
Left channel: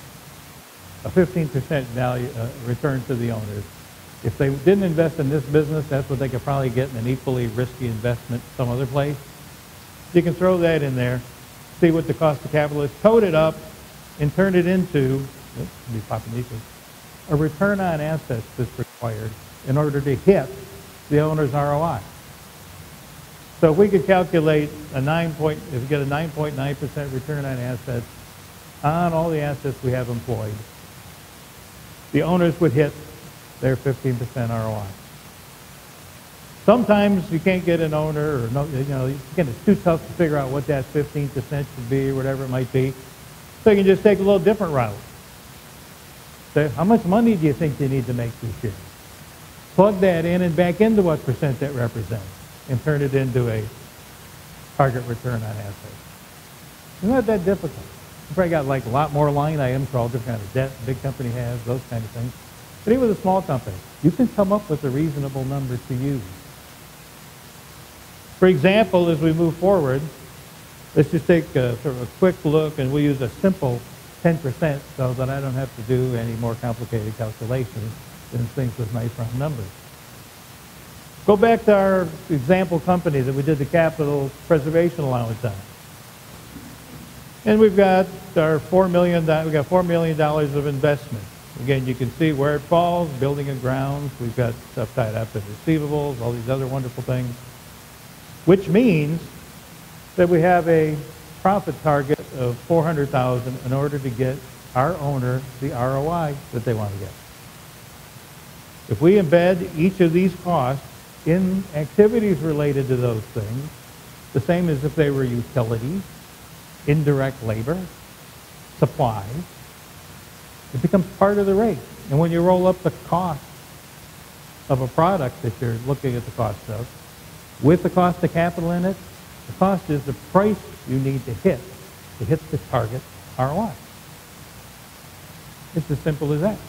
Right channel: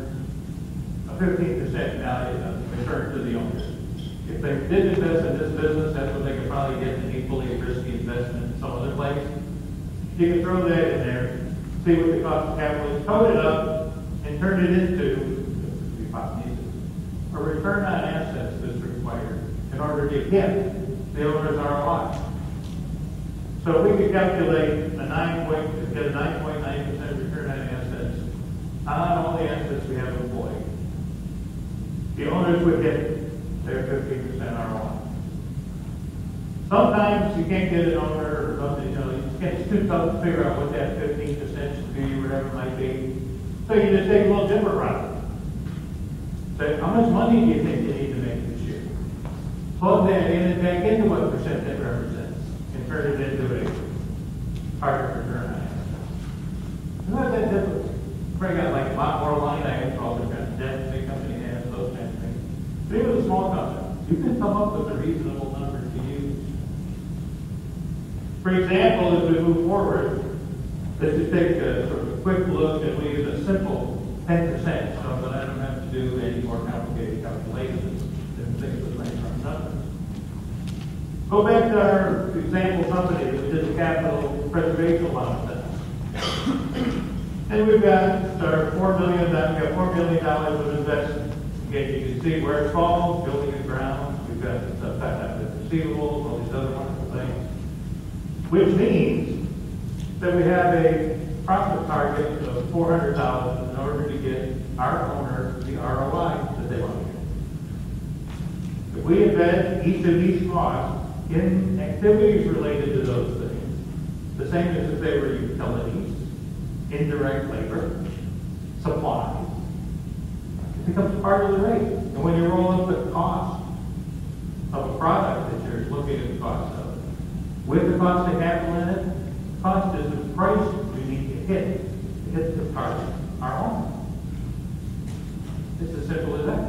a 15% value return to the owners. If they didn't invest in this business, that's what they could probably get in an equally risky investment some other place. You can throw that in there, see what the cost of capital is, code it up, and turn it into a return on assets that's required in order to hit the owner's ROI. So if we could calculate if we get a 9.9% return on assets on all the assets we have employed, the owners would hit their 15% ROI. Sometimes you can't get an owner, or it's too tough to figure out what that 15% should be, or whatever it might be. So you can just take a little different route. So how much money do you think you need to make this year? Plug that in and back into what percent that represents, and turn it into a target return on assets. It's not that difficult. Probably got like a lot more line items for all the kind of debt the big company has, those kind of things. But even with a small company, you can come up with a reasonable number to use. For example, as we move forward, let's just take a sort of quick look, and we use a simple 10% so that I don't have to do any more complicated calculations than things with nice round numbers. Go back to our example company that we did the capital preservation allowance on. And we've got our $4 million of investment. Again, you can see where it falls, building and grounds. We've got stuff tied up in receivables, all these other wonderful things. Which means that we have a profit target of $400,000 in order to get our owner the ROI that they want to get. If we embed each of these costs in activities related to those things, the same as if they were utilities, indirect labor, supplies, it becomes part of the rate. And when you roll up the cost of a product that you're looking at the cost of, with the cost of capital in it, the cost is the price you need to hit the target ROI. It's as simple as that.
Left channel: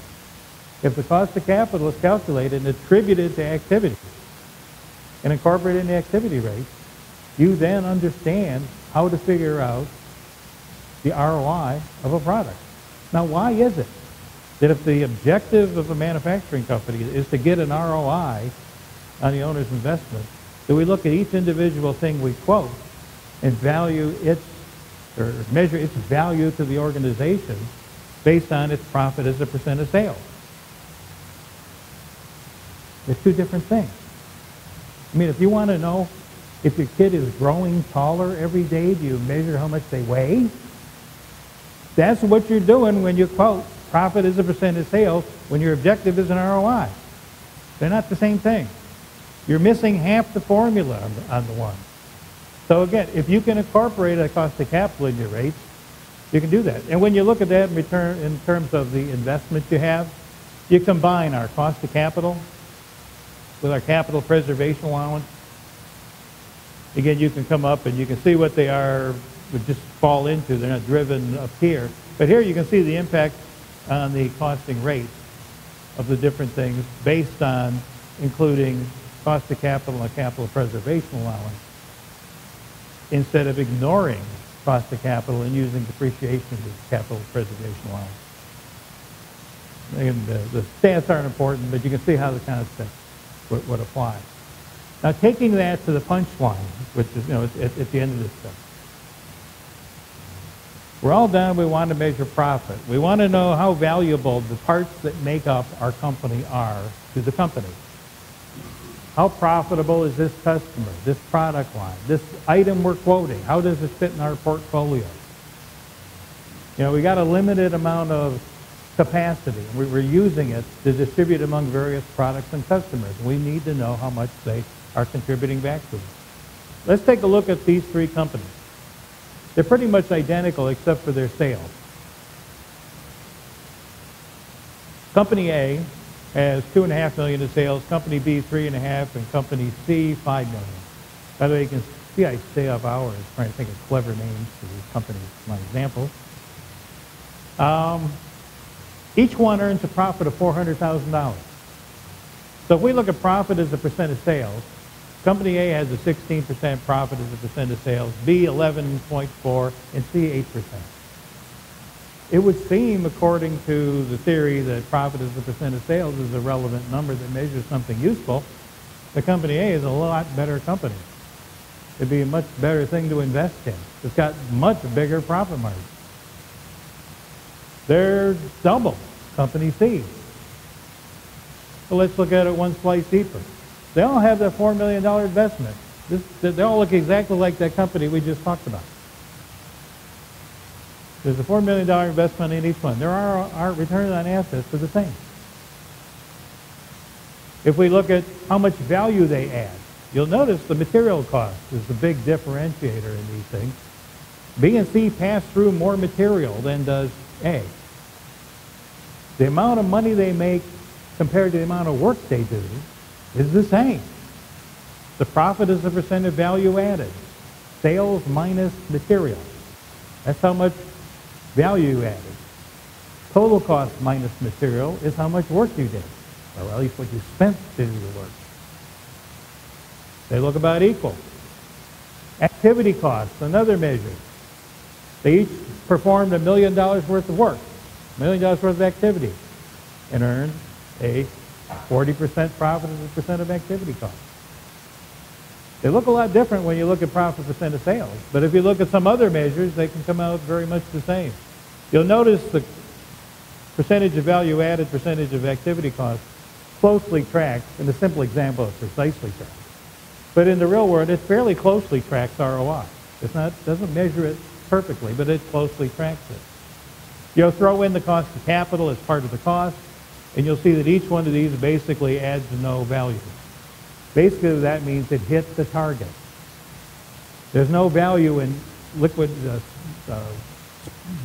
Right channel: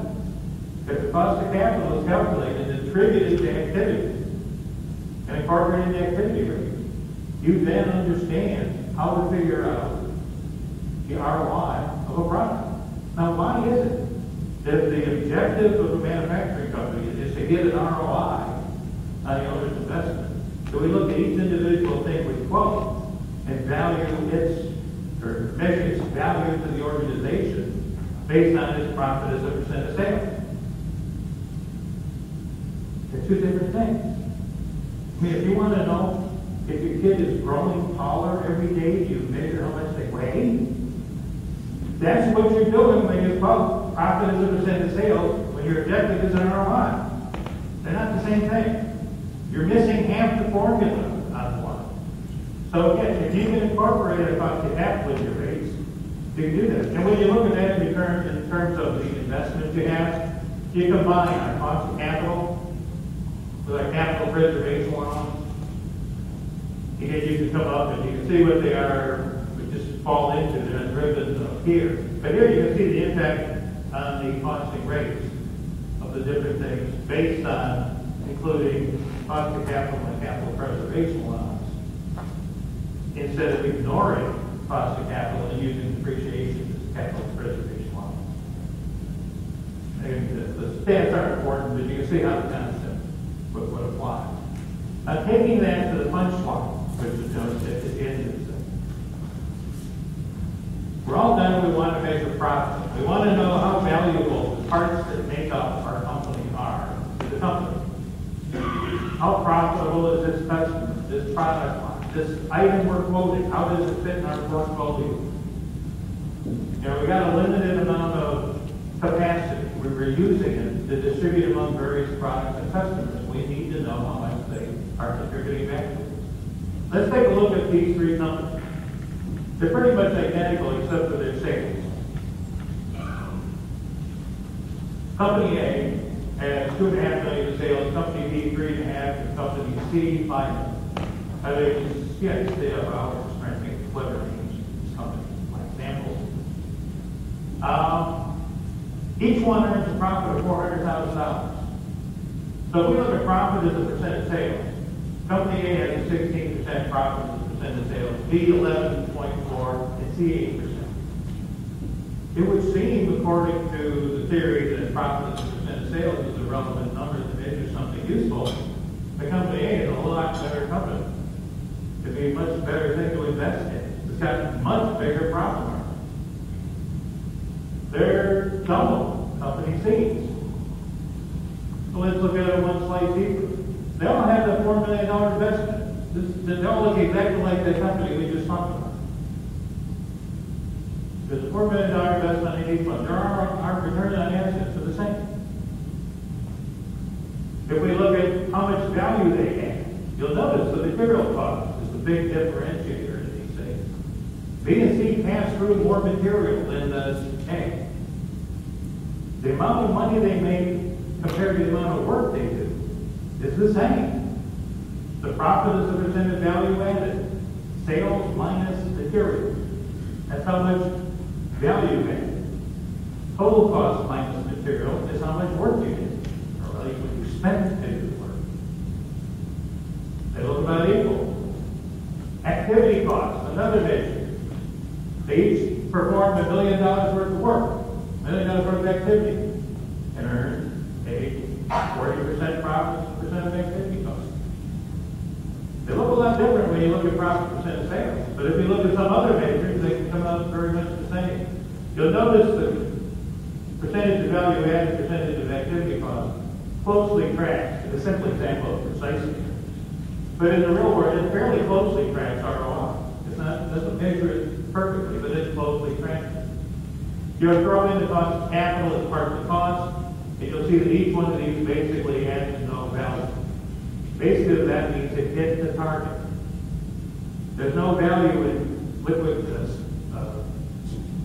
If the cost of capital is calculated and attributed to activity and incorporated in the activity rate, you then understand how to figure out the ROI of a product. Now, why is it that if the objective of a manufacturing company is to get an ROI on the owner's investment, that we look at each individual thing we quote and value its, or measure its value to the organization based on its profit as a percent of sales? They're two different things. I mean, if you want to know if your kid is growing taller every day, do you measure how much they weigh? That's what you're doing when you quote profit as a percent of sales when your objective is an ROI. They're not the same thing. You're missing half the formula on the one. So again, if you can incorporate a cost of capital in your rates, you can do that. And when you look at that in terms of the investments you have, you combine our cost of capital with our capital preservation allowance. Again, you can come up and you can see what they are, would just fall into. They're not driven up here. But here you can see the impact on the costing rate of the different things based on including cost of capital and capital preservation allowance, instead of ignoring cost of capital and using depreciation capital preservation allowance. And the stats aren't important, but you can see how the concept would apply. Now, taking that to the punchline, which is, at the end of this thing. We're all done. We want to measure profit. We want to know how valuable the parts that make up our company are to the company. How profitable is this customer, this product line, this item we're quoting? How does it fit in our portfolio? We got a limited amount of capacity. We're using it to distribute among various products and customers. We need to know how much they are contributing back to us. Let's take a look at these three companies. They're pretty much identical except for their sales. Company A has $2.5 million in sales, Company B $3.5 million, and Company C $5 million. By the way, you can see I stay up hours trying to think of clever names for companies, my example. Each one earns a profit of $400,000. So if we look at profit as a percent of sales, Company A has a 16% profit as a percent of sales, B 11.4%, and C 8%. It would seem, according to the theory that profit as a percent of sales is a relevant number that measures something useful, the Company A is a lot better company. It'd be a much better thing to invest in. It's got much bigger profit margin. They're double Company C. So let's look at it one slice deeper. They all have that $4 million investment. They all look exactly like that company we just talked about. There's a $4 million investment in each one. Our return on assets are the same. If we look at how much value they add, you'll notice the material cost is the big differentiator in these things. B and C pass through more material than does A. The amount of money they make compared to the amount of work they do is the same. The profit is the percent of value added. Sales minus material. That's how much value you add. Total cost minus material is how much work you did. Or at least what you spent to do the work. They look about equal. Activity costs, another measure. They each performed $1 million worth of work. $1 million worth of activity, and earn a 40% profit as a percent of activity cost. They look a lot different when you look at profit percent of sales, but if you look at some other measures, they can come out very much the same. You'll notice the percentage of value added, percentage of activity cost closely tracked, in the simple example of precisely tracked. But in the real world, it fairly closely tracks ROI. Doesn't measure it perfectly, but it closely tracks it. You'll throw in the cost of capital as part of the cost, and you'll see that each one of these basically adds to no value. Basically, that means it hits the target. There's no value in liquid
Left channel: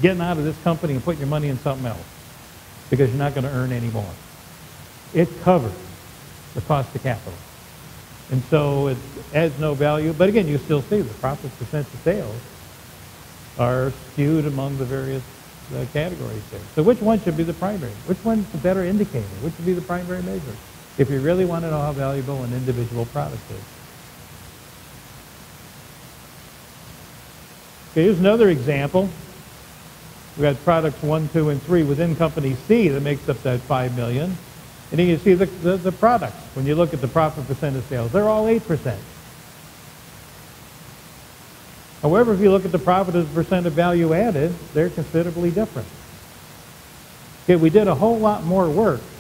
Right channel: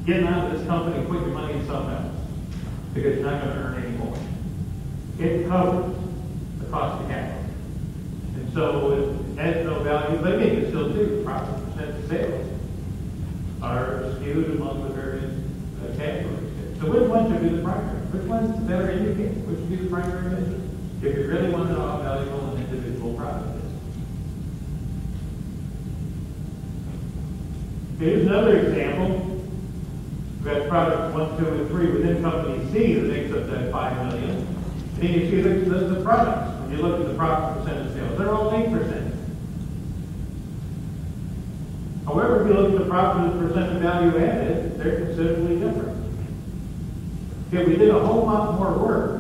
getting out of this company and putting your money in something else because you're not going to earn any more. It covers the cost of capital. And so it adds no value, but again, you still see the profit percent of sales are skewed among the various categories. So which one should be the primary? Which one's the better indicator? Which should be the primary measure? If you really want to know how valuable an individual product is. Okay, here's another example. We've got products 1, 2, and 3 within Company C that makes up that $5 million. And then you see the products. When you look at the profit percent of sales, they're all 8%. However, if you look at the profit as a percent of value added, they're considerably different. Okay, we did a whole lot more work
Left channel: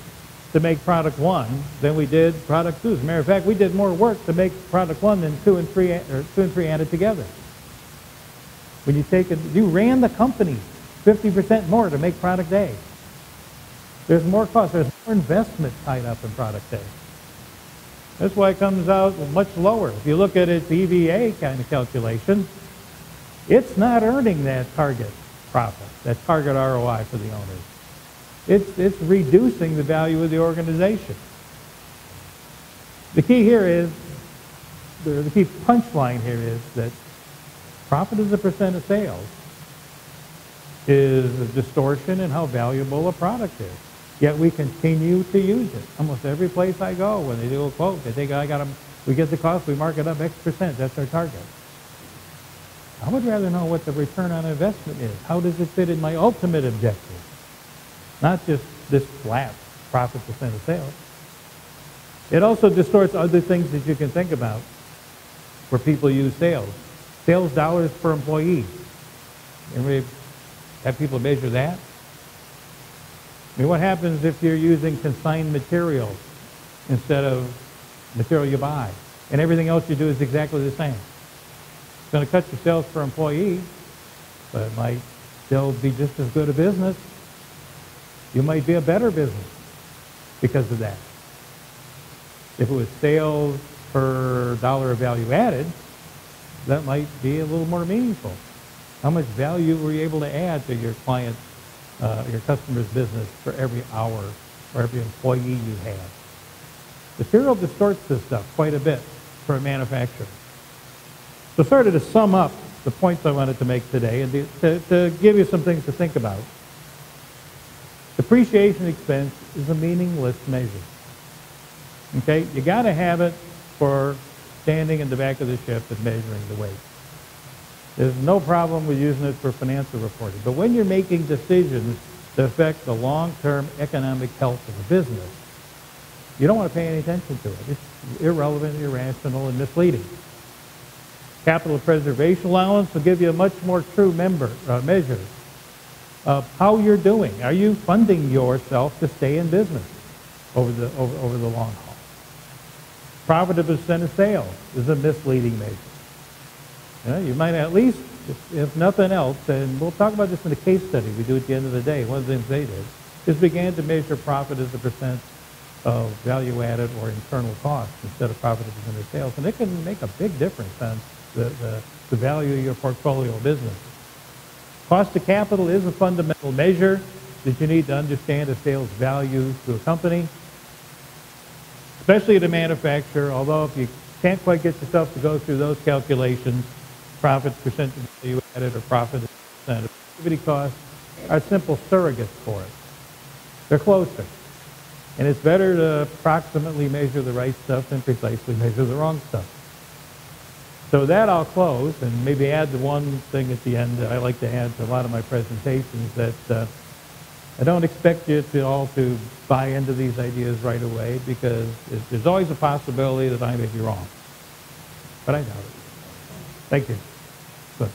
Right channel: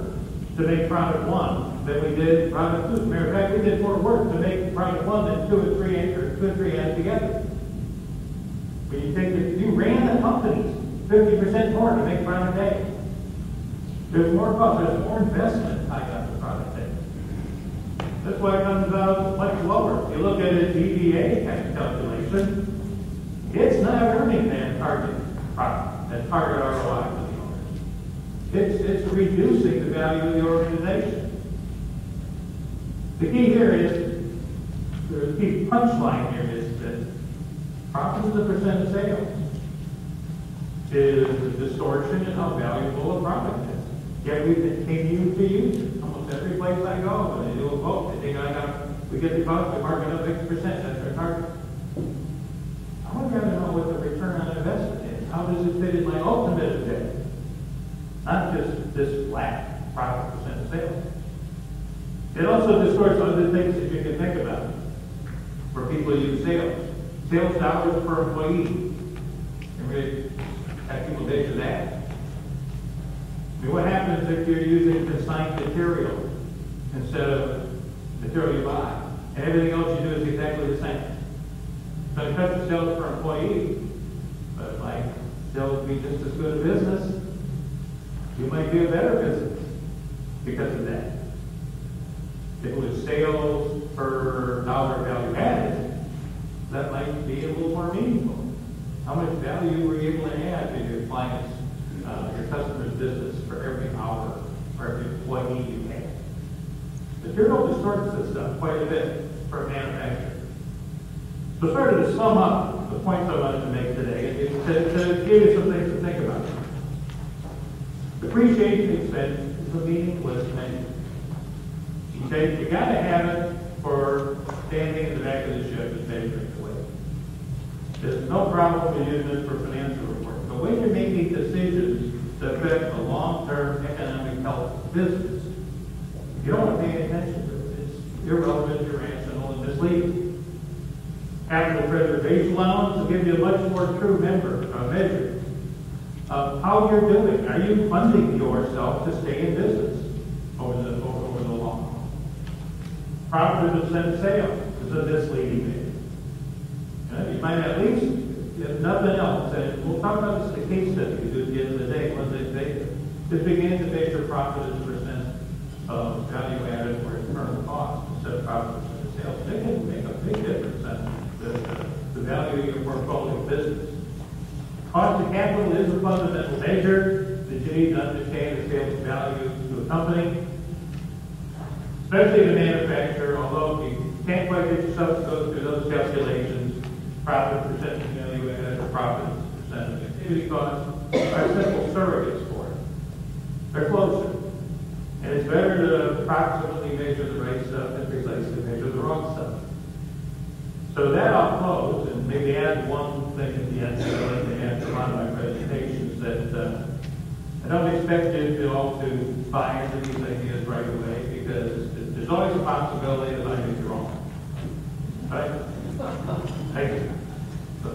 to make product 1 than we did product 2. As a matter of fact, we did more work to make product 1 than 2 and 3 added together. When you take it, you ran the company 50% more to make product A. There's more cost, there's more investment tied up in product A. That's why it comes out much lower. If you look at its EVA kind of calculation, it's not earning that target profit, that target ROI for the owner. It's reducing the value of the organization. The key here is, the key punchline here is that profit as a percent of sales is a distortion in how valuable a product is. Yet we continue to use it. Almost every place I go, when they do a quote, they think, we get the cost, we mark it up X%, that's our target. I would rather know what the return on investment is. How does it fit in my ultimate objective? not just this flat profit percent of sales. It also distorts other things that you can think about where people use sales. Sales dollars per employee. And we have people measure that. I mean, what happens if you're using consigned material instead of material you buy, and everything else you do is exactly the same? It's going to cut your sales per employee, but it might still be just as good a business. You might be a better business because of that. If it was sales per dollar value added, that might be a little more meaningful. How much value were you able to add to your client's, your customer's business for every hour, for every employee you had? Material distorts this stuff quite a bit for a manufacturer. So sort of to sum up the points I wanted to make today, is to give you some things to think about. Depreciation expense is a meaningless measure. Okay, you got to have it for standing in the back of the ship and measuring the weight. There's no problem with using it for financial reporting. But when you're making decisions that affect the long-term economic health of the business, you don't want to pay any attention to it. It's irrelevant, irrational, and misleading. Capital preservation allowance will give you a much more true measure of how you're doing. Are you funding yourself to stay in business over the long haul? Profitable percent of sales is a misleading measure. You might at least, if nothing else, and we'll talk about this in a case study we do at the end of the day, one of the things they do, is begin to measure profit as a percent of value added or external cost instead of profit as a percent of sales. And it can make a big difference on the value of your portfolio business. Cost of capital is a fundamental measure that you need to understand the sales value to a company, especially the manufacturer, although if you can't quite get yourself to go through those calculations, profit percent of value added or profit percent of activity costs are simple surrogates for it. They're closer. And it's better to approximately measure the right stuff than precisely measure the wrong stuff. So that I'll close and maybe add one thing at the end that I like to add to a lot of my presentations, that I don't expect you to all to buy into these ideas right away, because there's always a possibility that I may be wrong. But thank you. So.